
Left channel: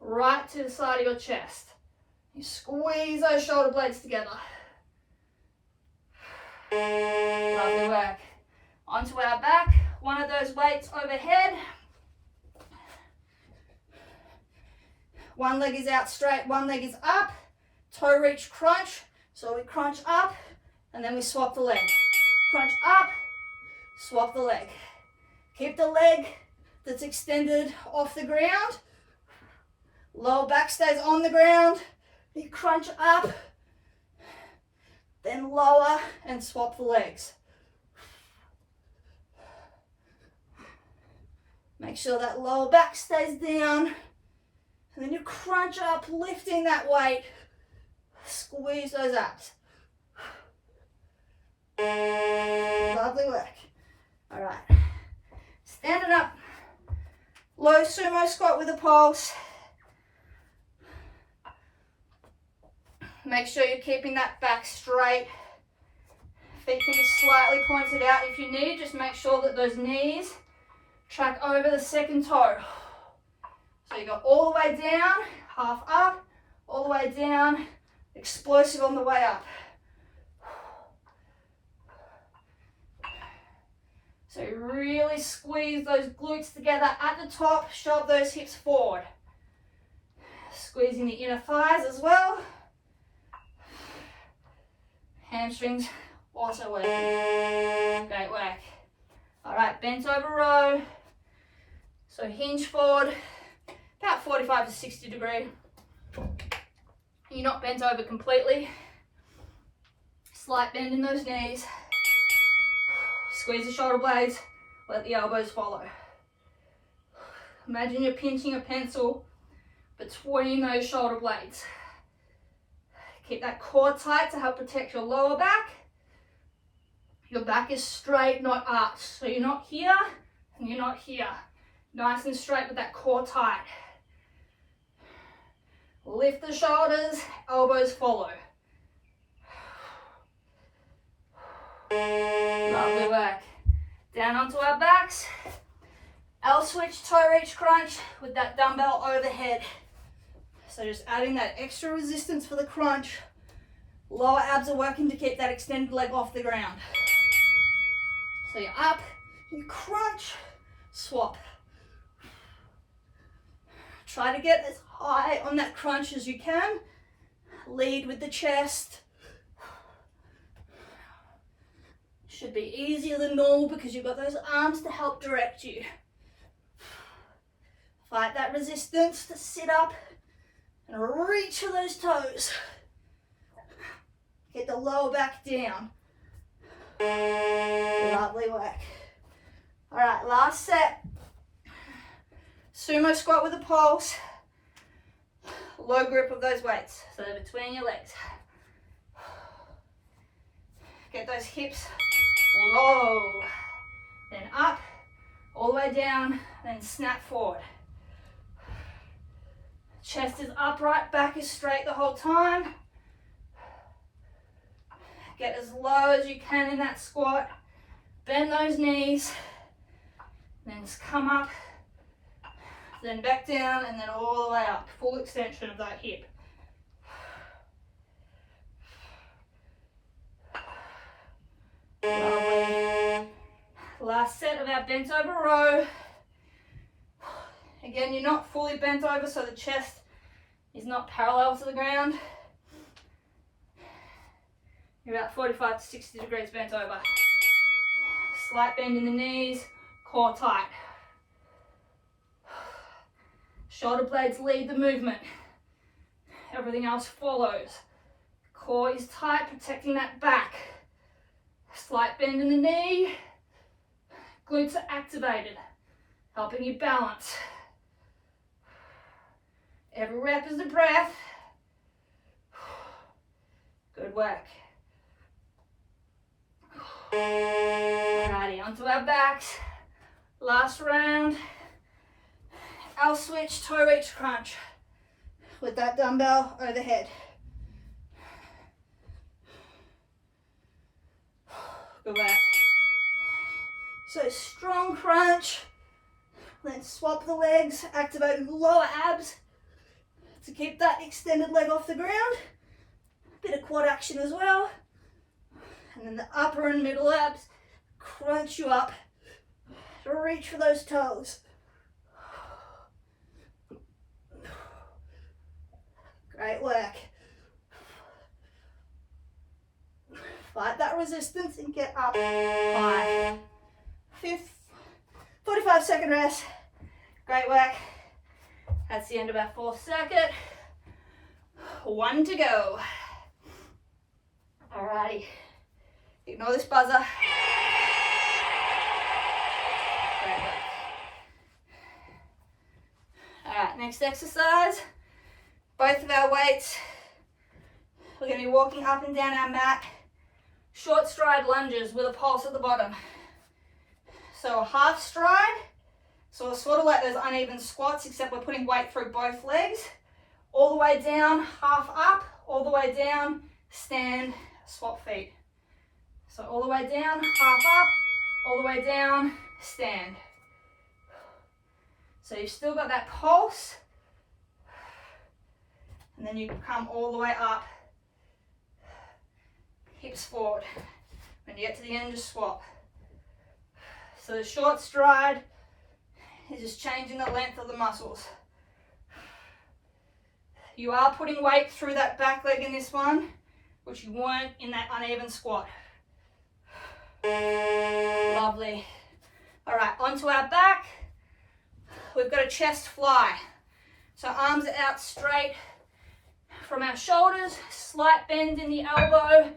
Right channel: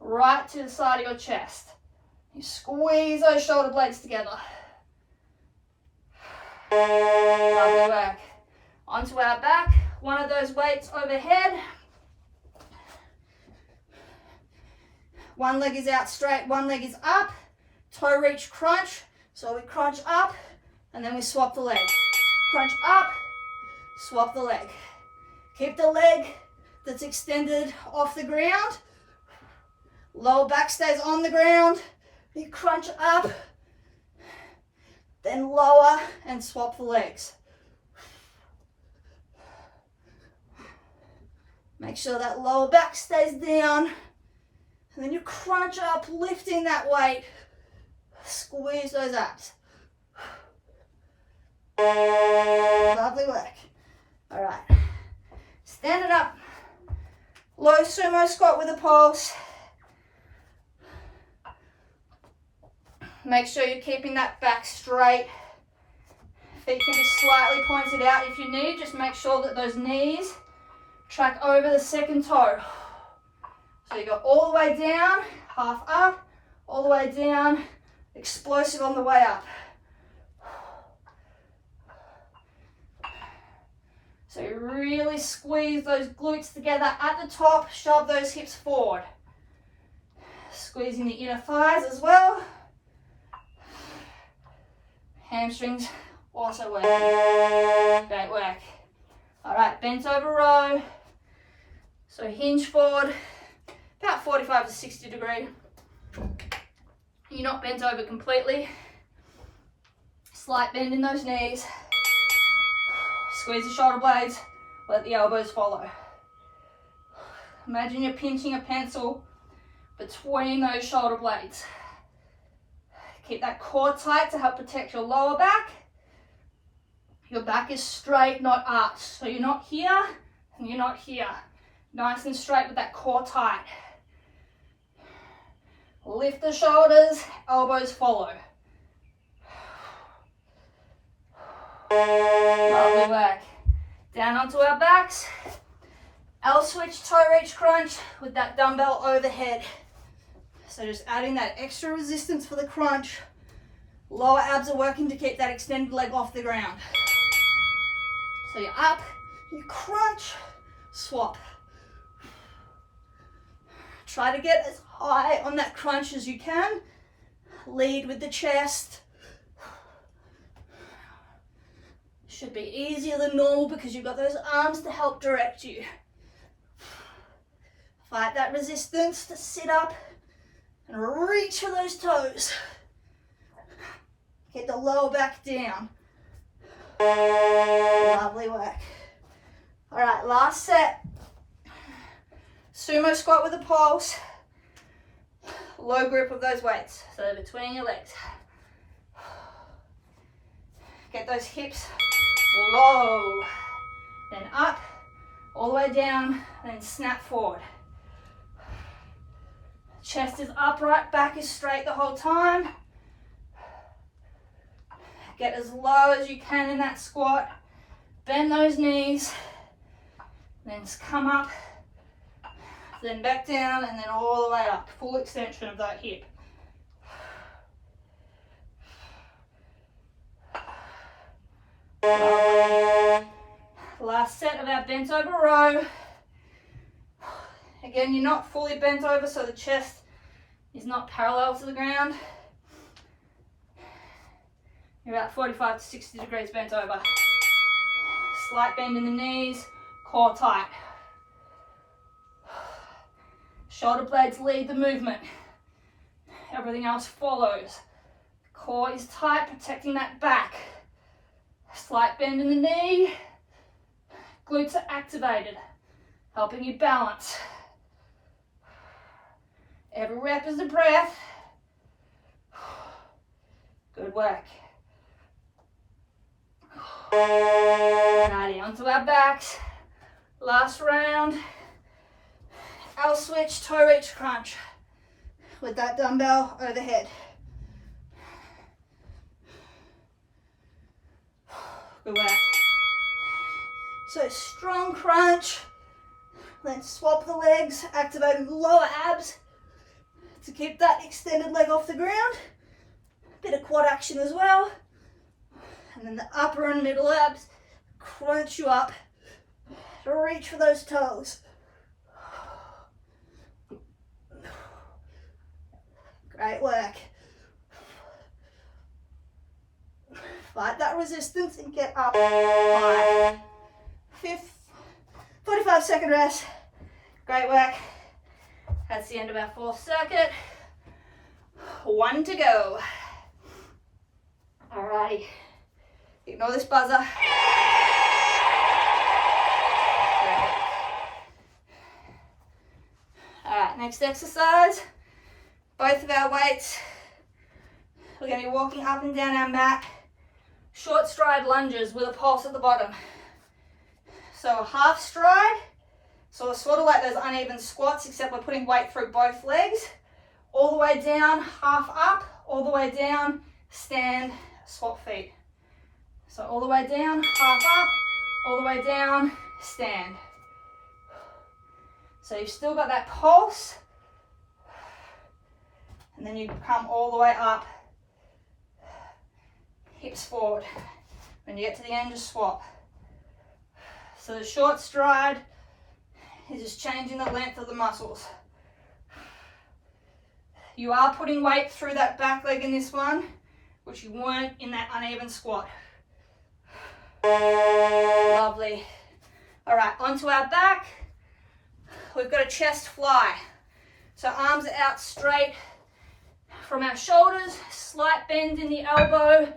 right to the side of your chest. You squeeze those shoulder blades together. Lovely work. Onto our back, one of those weights overhead. One leg is out straight, one leg is up. Toe reach crunch. So we crunch up and then we swap the leg. Crunch up, swap the leg. Keep the leg that's extended off the ground. Lower back stays on the ground. You crunch up, then lower and swap the legs. Make sure that lower back stays down. And then you crunch up, lifting that weight. Squeeze those abs. Lovely work. All right. Stand it up. Low sumo squat with a pulse. Make sure you're keeping that back straight. Feet can be slightly pointed out if you need. Just make sure that those knees track over the second toe. So you go all the way down, half up, all the way down, explosive on the way up. So you really squeeze those glutes together at the top, shove those hips forward. Squeezing the inner thighs as well. Hamstrings also working. Great work. All right, bent over row. So hinge forward, about 45 to 60 degree. You're not bent over completely. Slight bend in those knees. Squeeze the shoulder blades, let the elbows follow. Imagine you're pinching a pencil between those shoulder blades. Keep that core tight to help protect your lower back. Your back is straight, not arched. So you're not here and you're not here. Nice and straight with that core tight. Lift the shoulders, elbows follow. Lovely work. Down onto our backs. L switch, toe reach crunch with that dumbbell overhead. So just adding that extra resistance for the crunch. Lower abs are working to keep that extended leg off the ground. So you're up, you crunch, swap. Try to get as high on that crunch as you can. Lead with the chest. Should be easier than normal because you've got those arms to help direct you. Fight that resistance to sit up and reach for those toes. Get the lower back down. Lovely work. All right, last set. Sumo squat with a pulse. Low grip of those weights, so they're between your legs. Get those hips low, then up, all the way down, then snap forward. Chest is upright, back is straight the whole time. Get as low as you can in that squat. Bend those knees, then come up, then back down, and then all the way up. Full extension of that hip. Lovely. Last set of our bent over row. Again, you're not fully bent over, so the chest is not parallel to the ground. You're about 45 to 60 degrees bent over. Slight bend in the knees, core tight. Shoulder blades lead the movement. Everything else follows. Core is tight, protecting that back. Slight bend in the knee. Glutes are activated, helping you balance. Every rep is a breath. Good work. Alrighty, onto our backs. Last round. Our switch toe reach crunch with that dumbbell overhead. Good work. So strong crunch, then swap the legs, activating the lower abs to keep that extended leg off the ground. Bit of quad action as well. And then the upper and middle abs crunch you up to reach for those toes. Great work. Fight that resistance and get up high. 45-second rest. Great work. That's the end of our 4th circuit. 1 to go. Alrighty. Ignore this buzzer. Great work. Alright, next exercise. Both of our weights. We're going to be walking up and down our mat. Short stride lunges with a pulse at the bottom. So a half stride, so it's sort of like those uneven squats, except we're putting weight through both legs. All the way down, half up, all the way down, stand, swap feet. So all the way down, half up, all the way down, stand. So you've still got that pulse, and then you come all the way up, hips forward. When you get to the end, just swap. So the short stride is just changing the length of the muscles. You are putting weight through that back leg in this one, which you weren't in that uneven squat. Lovely. All right, onto our back. We've got a chest fly. So arms are out straight from our shoulders, slight bend in the elbow,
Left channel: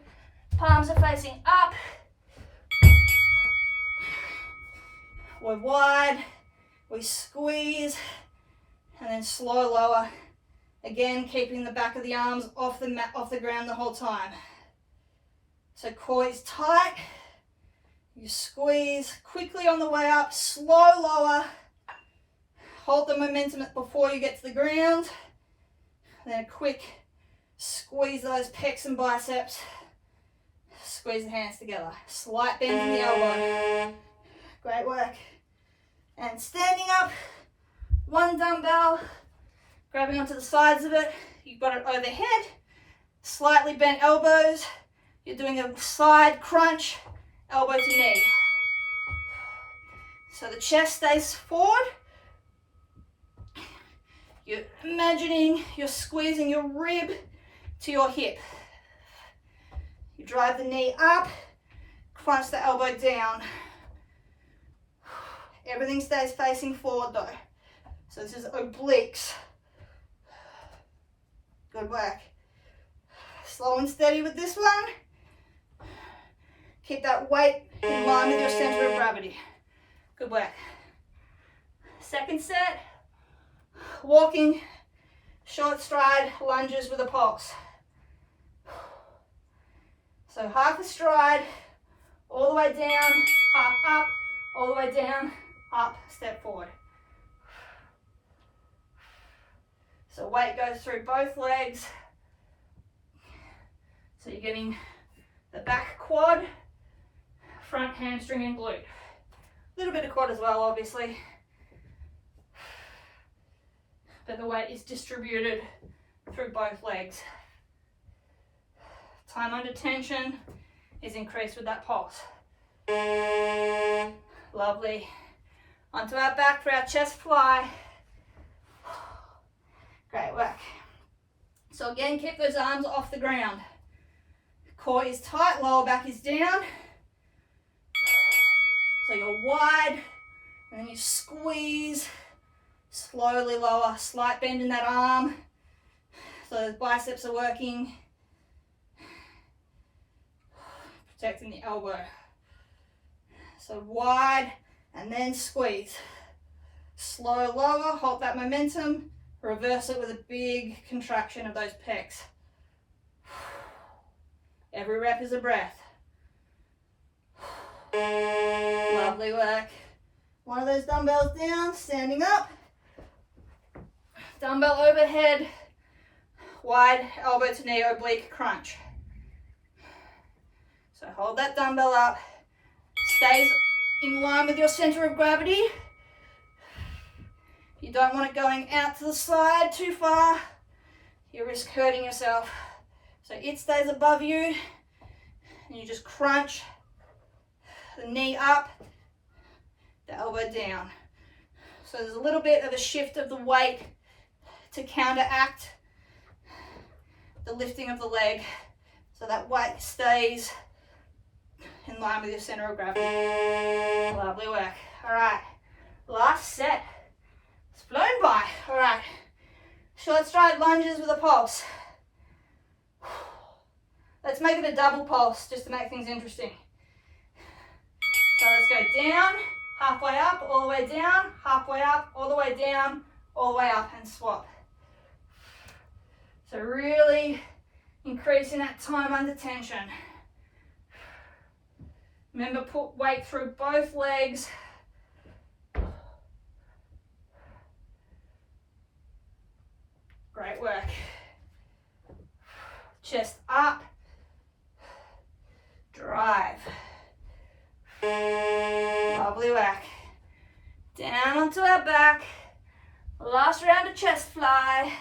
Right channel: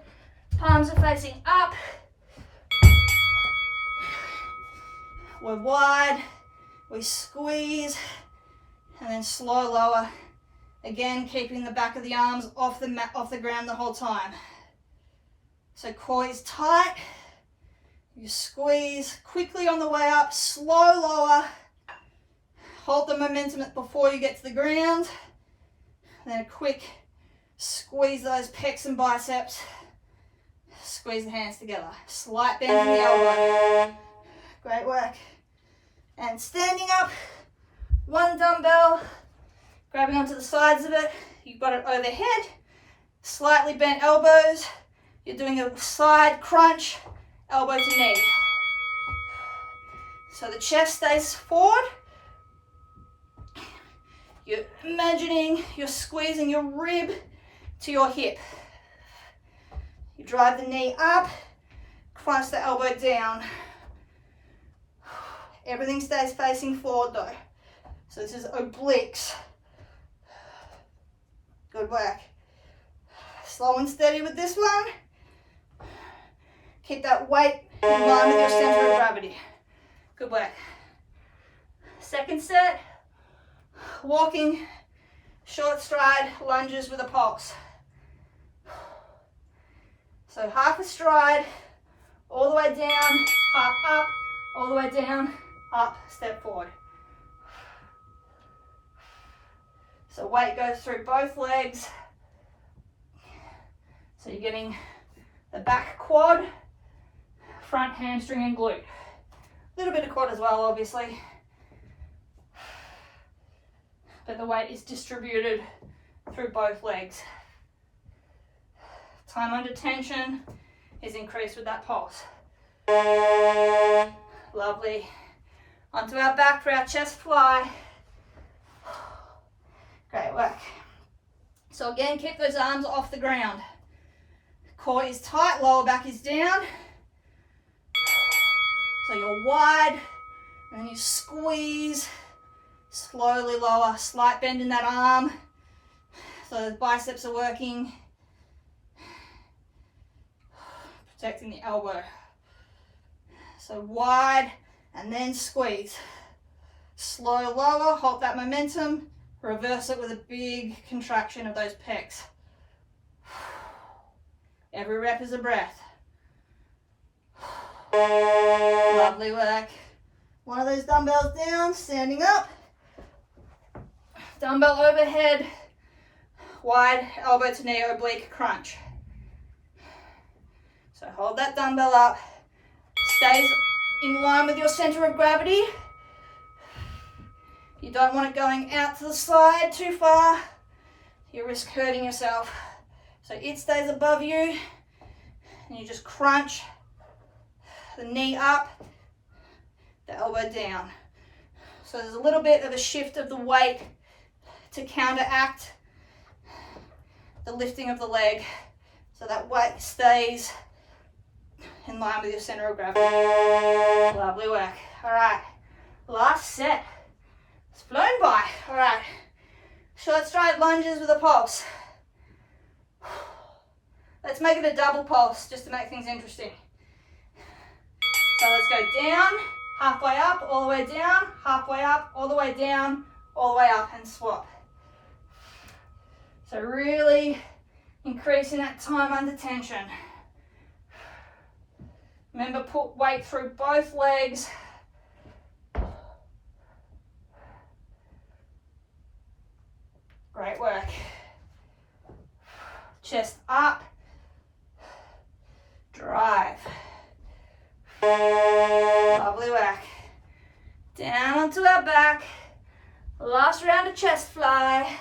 palms are facing up. We're wide, we squeeze, and then slow lower. Again, keeping the back of the arms off the mat, off the ground the whole time. So core is tight. You squeeze quickly on the way up, slow lower. Hold the momentum before you get to the ground. And then a quick squeeze those pecs and biceps. Squeeze the hands together. Slight bend in the elbow. Great work. And standing up, one dumbbell, grabbing onto the sides of it. You've got it overhead, slightly bent elbows. You're doing a side crunch, elbow to knee. So the chest stays forward. You're imagining you're squeezing your rib to your hip. You drive the knee up, crunch the elbow down. Everything stays facing forward though. So this is obliques. Good work. Slow and steady with this one. Keep that weight in line with your center of gravity. Good work. Second set, walking, short stride, lunges with a pulse. So half a stride, all the way down, half up, all the way down, up, step forward. So weight goes through both legs. So you're getting the back quad, front hamstring and glute. A little bit of quad as well, obviously. But the weight is distributed through both legs. Time under tension is increased with that pulse. Lovely. Onto our back for our chest fly. Great work. So again, keep those arms off the ground. Core is tight, lower back is down. So you're wide, and then you squeeze, slowly lower, slight bend in that arm. So those biceps are working. Protecting the elbow. So wide, and then squeeze. Slow lower, hold that momentum, reverse it with a big contraction of those pecs. Every rep is a breath. Lovely work. One of those dumbbells down, standing up. Dumbbell overhead, wide elbow to knee oblique crunch. So hold that dumbbell up, stays in line with your center of gravity. You don't want it going out to the side too far. You risk hurting yourself. So it stays above you, and you just crunch the knee up, the elbow down. So there's a little bit of a shift of the weight to counteract the lifting of the leg, so that weight stays in line with your center of gravity. Lovely work. All right, last set. It's flown by. All right, short stride lunges with a pulse. Let's make it a double pulse just to make things interesting. So let's go down, halfway up, all the way down, halfway up, all the way down, all the way up, and swap. So really increasing that time under tension. Remember, put weight through both legs. Great work. Chest up. Drive. Lovely work. Down onto our back. Last round of chest fly.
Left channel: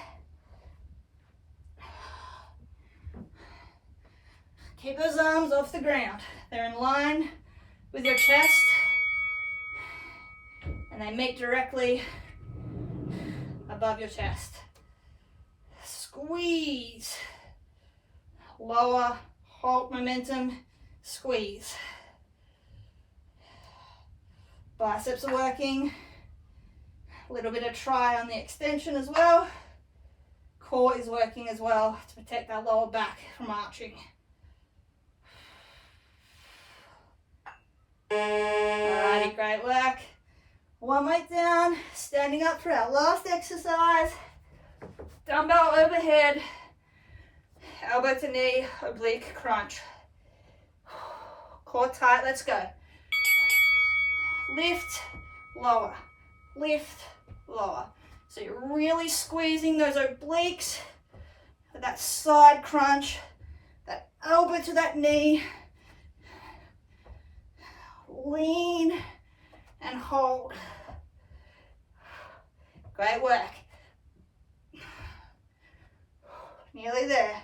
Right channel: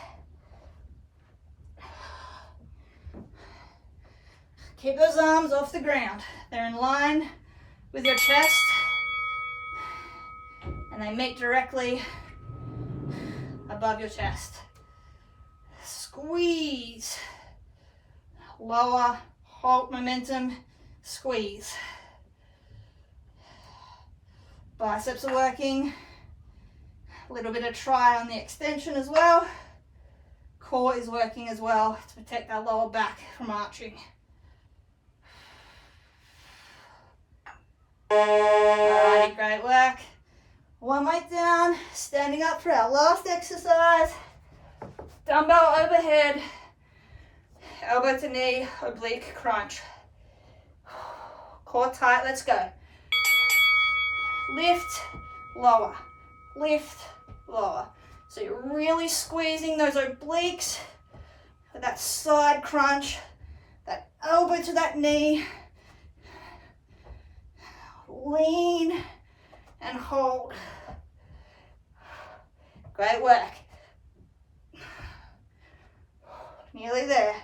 Keep those arms off the ground. They're in line with your chest, and they meet directly above your chest. Squeeze. Lower, hold momentum, squeeze. Biceps are working. A little bit of try on the extension as well. Core is working as well to protect our lower back from arching. Alrighty, great work. One weight down, standing up for our last exercise. Dumbbell overhead, elbow to knee, oblique crunch. Core tight, let's go. Lift, lower, lift, lower. So you're really squeezing those obliques with that side crunch, that elbow to that knee. Lean and hold. Great work. Nearly there.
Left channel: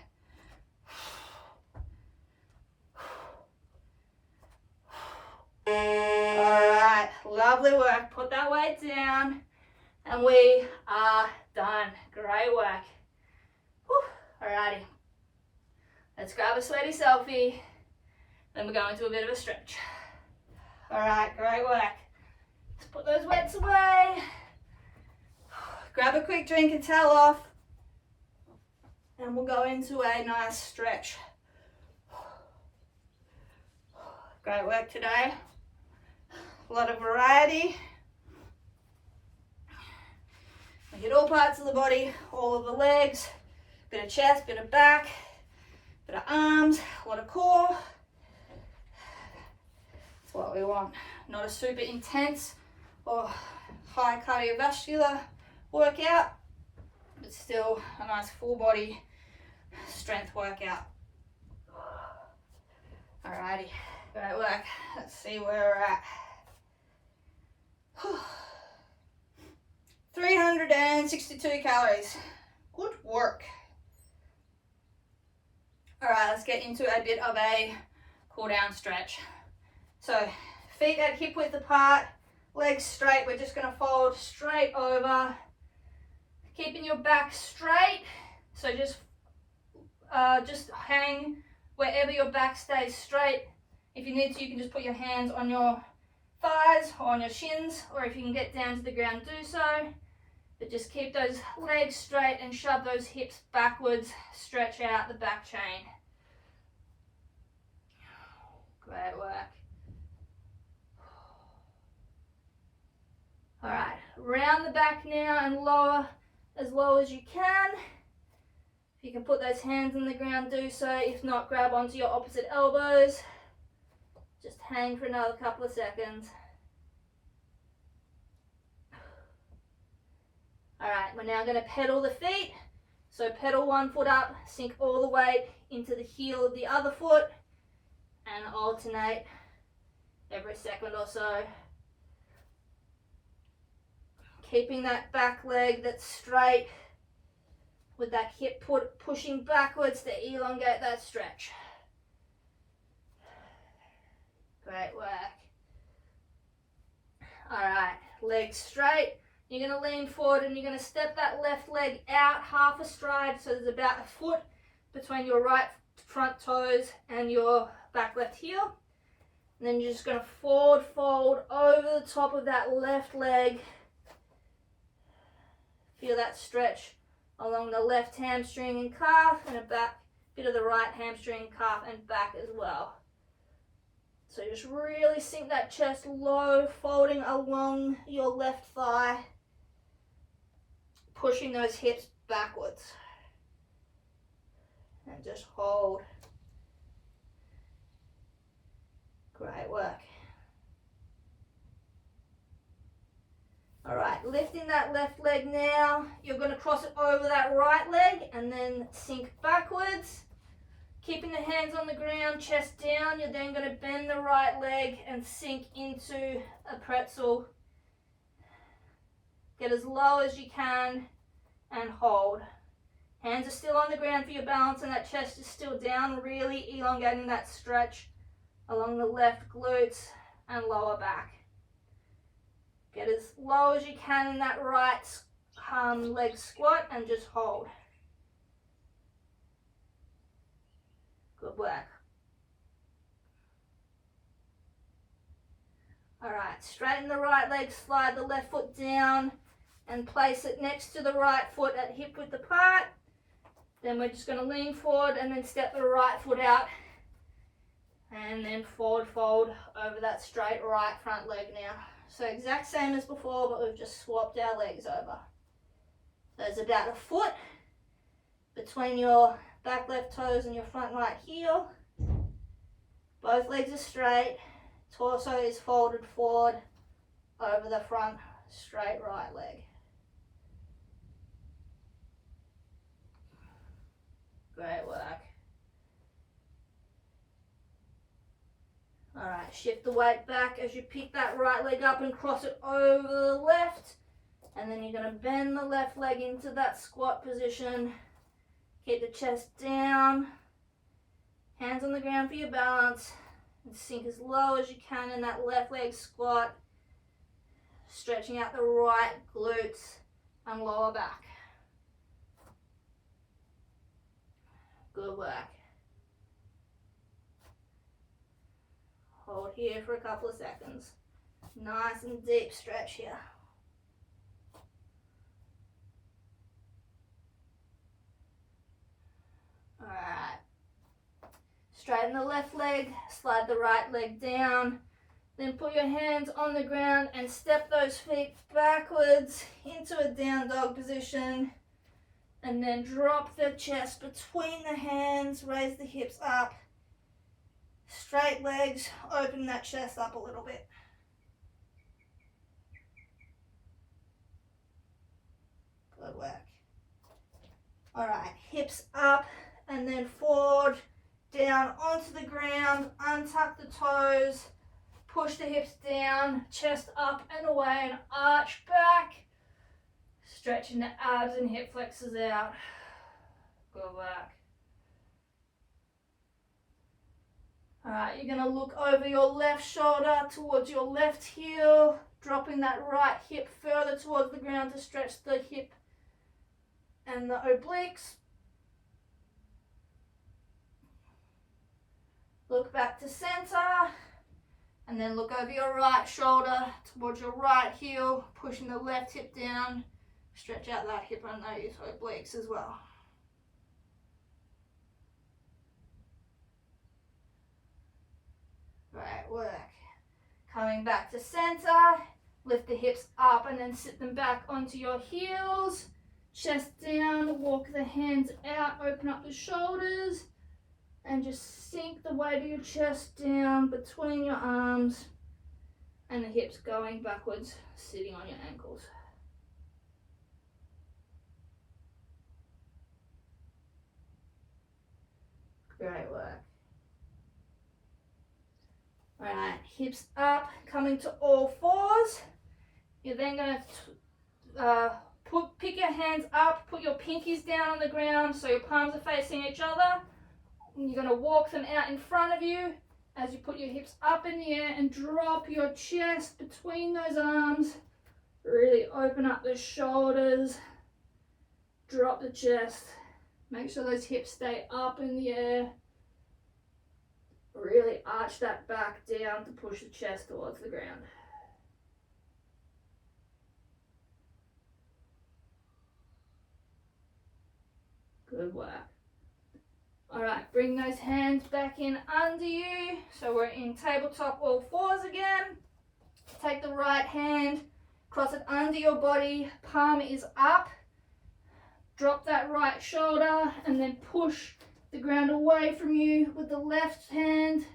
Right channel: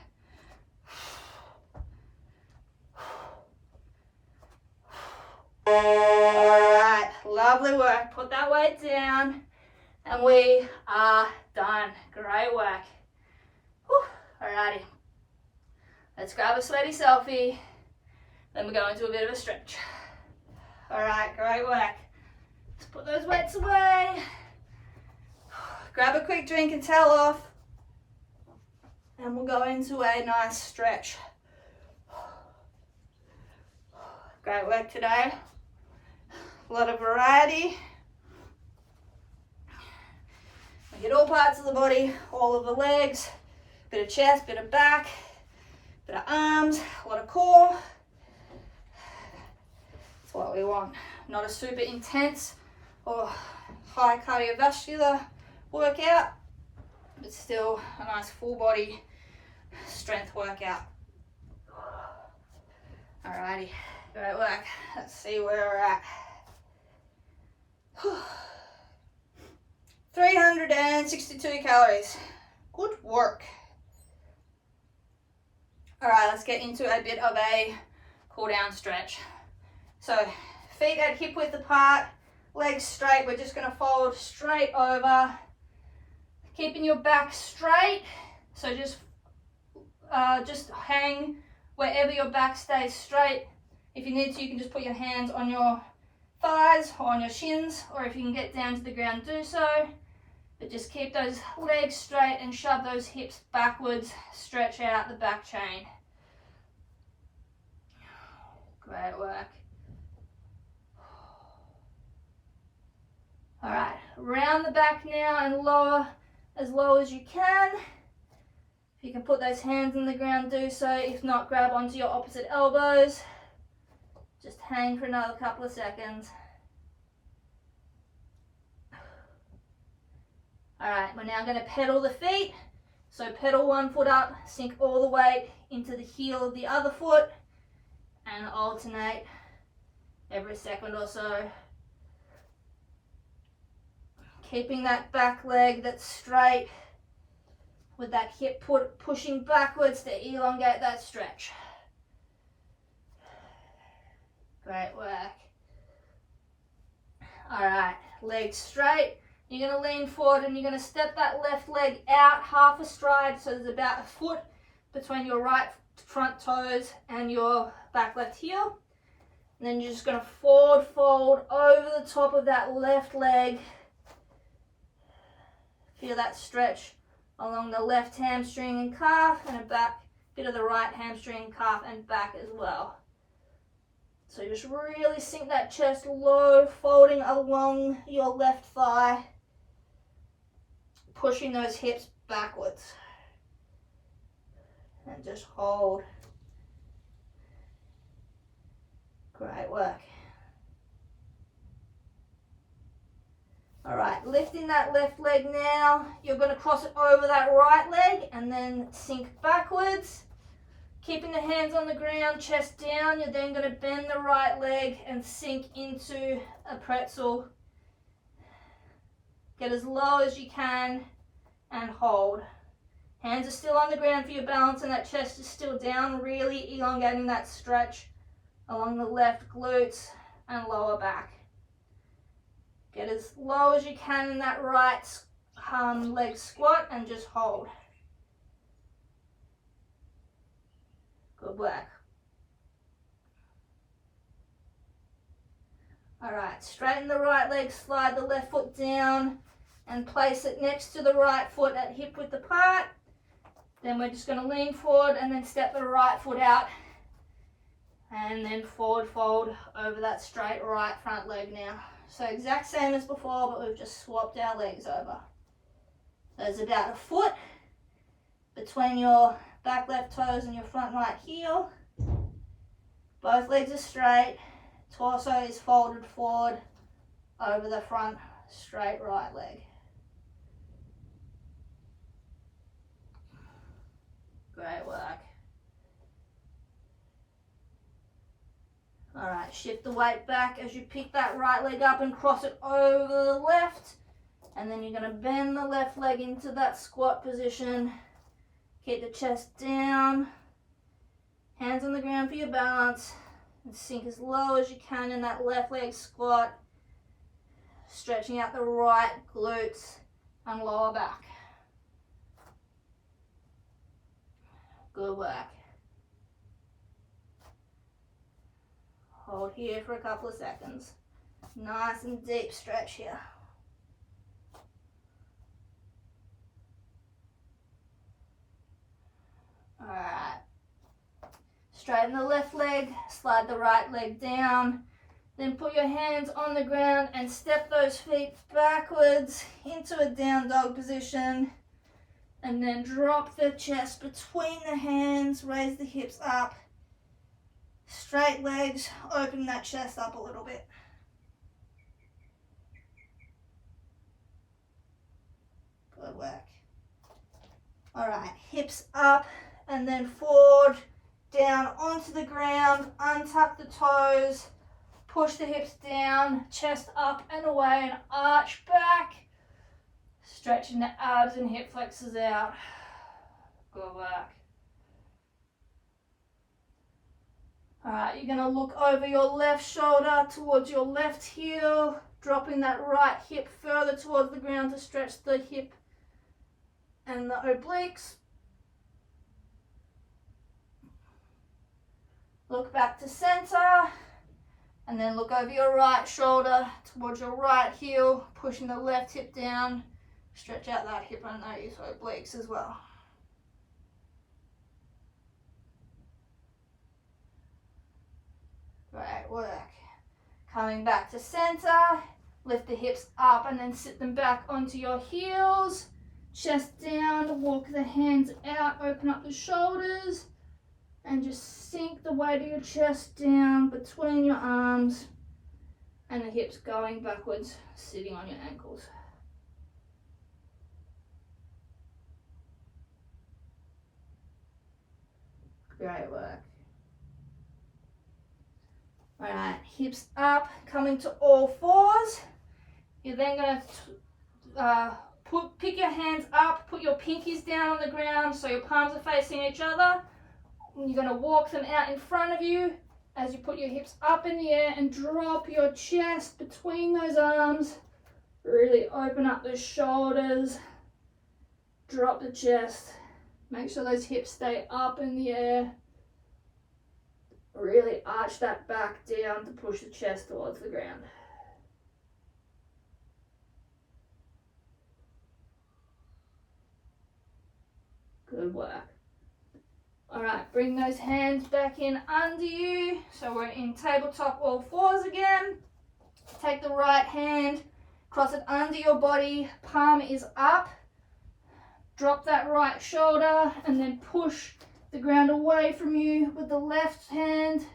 Alright, lovely work. Put that weight down and we are done. Great work. Whew. Alrighty. Let's grab a sweaty selfie. Then we're going to a bit of a stretch. Alright, great work. Let's put those weights away. Grab a quick drink and towel off. And we'll go into a nice stretch. Great work today. A lot of variety. We hit all parts of the body, all of the legs, bit of chest, bit of back, bit of arms, a lot of core. That's what we want. Not a super intense or high cardiovascular workout, but still a nice full body strength workout. Alrighty, great work. Let's see where we're at. 362 calories. Good work. Alright, let's get into a bit of a cool down stretch. So feet at hip width apart, legs straight. We're just going to fold straight over, keeping your back straight. So just hang wherever your back stays straight. If you need to, you can just put your hands on your thighs or on your shins, or if you can get down to the ground, do so. But just keep those legs straight and shove those hips backwards, stretch out the back chain. Great work. All right, round the back now and lower as low as you can. If you can put those hands on the ground, do so. If not, grab onto your opposite elbows. Just hang for another couple of seconds. All right, we're now going to pedal the feet. So pedal one foot up, sink all the weight into the heel of the other foot, and alternate every second or so. Keeping that back leg that's straight with that hip pushing backwards to elongate that stretch. Great work. All right, legs straight. You're going to lean forward and you're going to step that left leg out half a stride, so there's about a foot between your right front toes and your back left heel. And then you're just going to forward fold over the top of that left leg. Feel that stretch along the left hamstring and calf, and a bit of the right hamstring, calf and back as well. So just really sink that chest low, folding along your left thigh, pushing those hips backwards. And just hold. Great work. All right, lifting that left leg now. You're going to cross it over that right leg and then sink backwards. Keeping the hands on the ground, chest down, you're then going to bend the right leg and sink into a pretzel. Get as low as you can and hold. Hands are still on the ground for your balance and that chest is still down, really elongating that stretch along the left glutes and lower back. Get as low as you can in that right leg squat and just hold. Good work. All right, straighten the right leg, slide the left foot down and place it next to the right foot at hip width apart. Then we're just going to lean forward and then step the right foot out and then forward fold over that straight right front leg now. So exact same as before, but we've just swapped our legs over. So there's about a foot between your back left toes and your front right heel. Both legs are straight. Torso is folded forward over the front straight right leg. Great work. All right, shift the weight back as you pick that right leg up and cross it over the left. And then you're going to bend the left leg into that squat position. Keep the chest down. Hands on the ground for your balance. And sink as low as you can in that left leg squat. Stretching out the right glutes and lower back. Good work. Hold here for a couple of seconds. Nice and deep stretch here. All right. Straighten the left leg, slide the right leg down. Then put your hands on the ground and step those feet backwards into a down dog position. And then drop the chest between the hands, raise the hips up. Straight legs, open that chest up a little bit. Good work. All right, hips up and then forward, down onto the ground, untuck the toes, push the hips down, chest up and away and arch back. Stretching the abs and hip flexors out. Good work. All right, you're going to look over your left shoulder towards your left heel, dropping that right hip further towards the ground to stretch the hip and the obliques. Look back to center, and then look over your right shoulder towards your right heel, pushing the left hip down. Stretch out that hip under your obliques as well. Great work. Coming back to center, lift the hips up and then sit them back onto your heels. Chest down, walk the hands out, open up the shoulders, and just sink the weight of your chest down between your arms and the hips going backwards, sitting on your ankles. Great work. All right, hips up, coming to all fours. You're then going to pick your hands up, put your pinkies down on the ground so your palms are facing each other. You're going to walk them out in front of you as you put your hips up in the air and drop your chest between those arms. Really open up the shoulders, drop the chest. Make sure those hips stay up in the air. Really arch that back down to push the chest towards the ground. Good work. All right, bring those hands back in under you. So we're in tabletop all fours again. Take the right hand, cross it under your body, palm is up. Drop that right shoulder and then push the ground away from you with the left hand.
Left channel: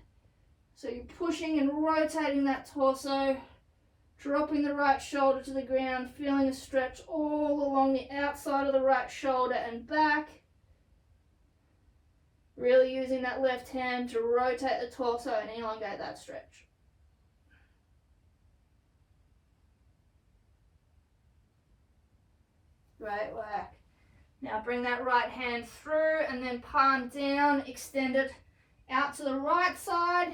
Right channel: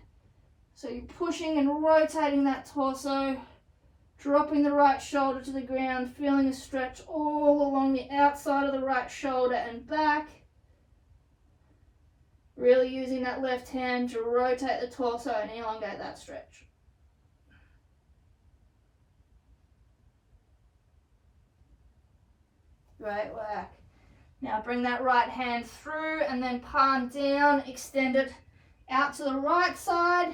So you're pushing and rotating that torso, dropping the right shoulder to the ground, feeling a stretch all along the outside of the right shoulder and back. Really using that left hand to rotate the torso and elongate that stretch. Great work. Now bring that right hand through and then palm down, extend it out to the right side.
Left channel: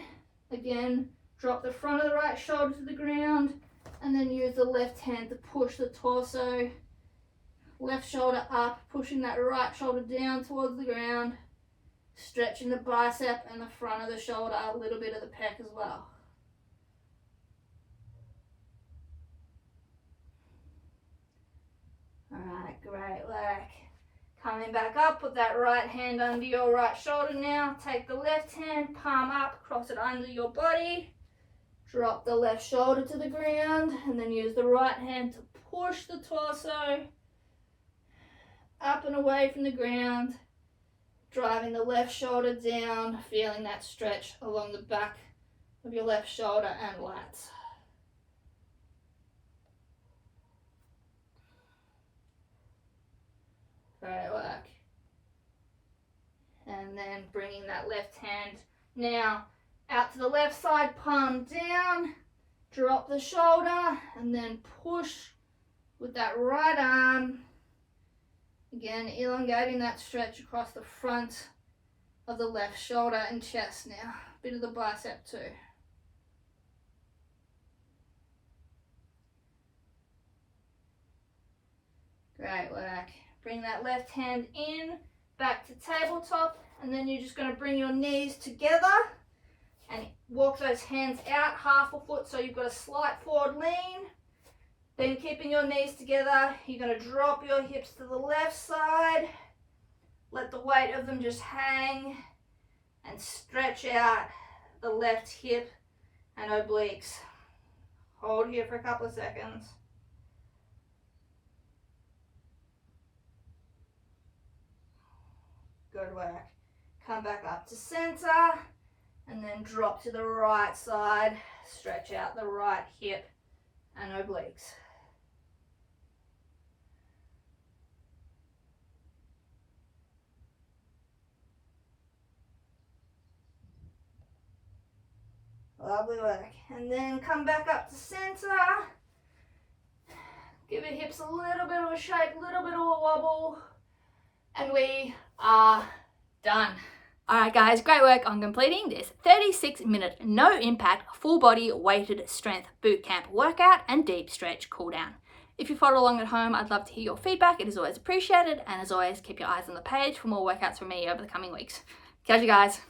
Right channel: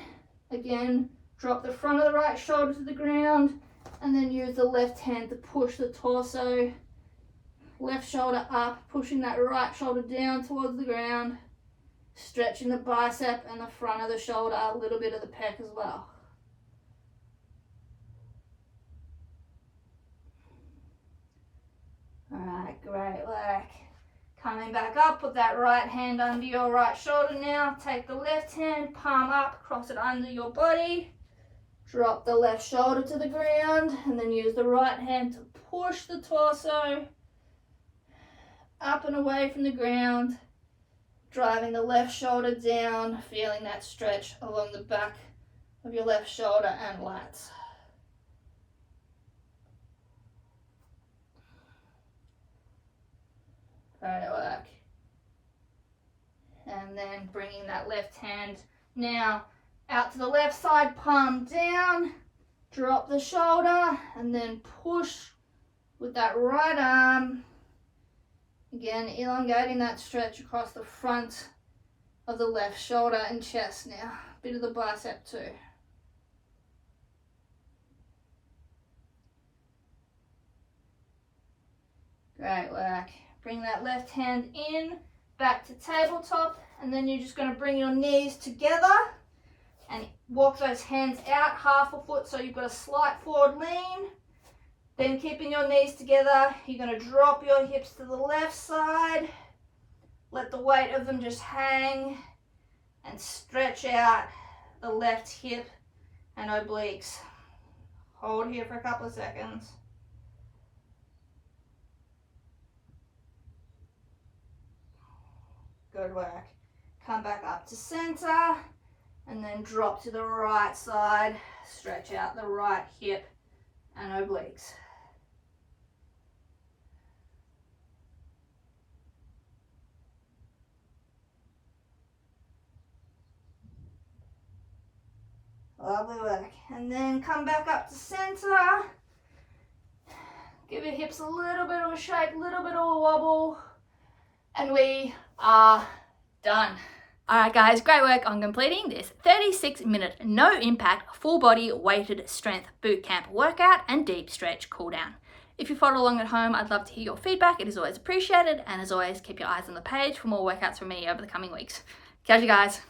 Again, drop the front of the right shoulder to the ground and then use the left hand to push the torso. Left shoulder up, pushing that right shoulder down towards the ground. Stretching the bicep and the front of the shoulder, a little bit of the pec as well. All right, great work. Coming back up, put that right hand under your right shoulder now. Take the left hand, palm up, cross it under your body. Drop the left shoulder to the ground and then use the right hand to push the torso up and away from the ground. Driving the left shoulder down, feeling that stretch along the back of your left shoulder and lats. Great work. And then bringing that left hand now out to the left side, palm down, drop the shoulder, and then push with that right arm. Again, elongating that stretch across the front of the left shoulder and chest now. Bit of the bicep too. Great work. Bring that left hand in, back to tabletop, and then you're just going to bring your knees together and walk those hands out half a foot so you've got a slight forward lean. Then keeping your knees together, you're going to drop your hips to the left side. Let the weight of them just hang and stretch out the left hip and obliques. Hold here for a couple of seconds. Good work. Come back up to center and then drop to the right side. Stretch out the right hip and obliques. Lovely work. And then come back up to center. Give your hips a little bit of a shake, a little bit of a wobble. And we are done. All right, guys, great work on completing this 36-minute no impact full body weighted strength bootcamp workout and deep stretch cool down. If you followed along at home, I'd love to hear your feedback. It is always appreciated. And as always, keep your eyes on the page for more workouts from me over the coming weeks. Catch you guys.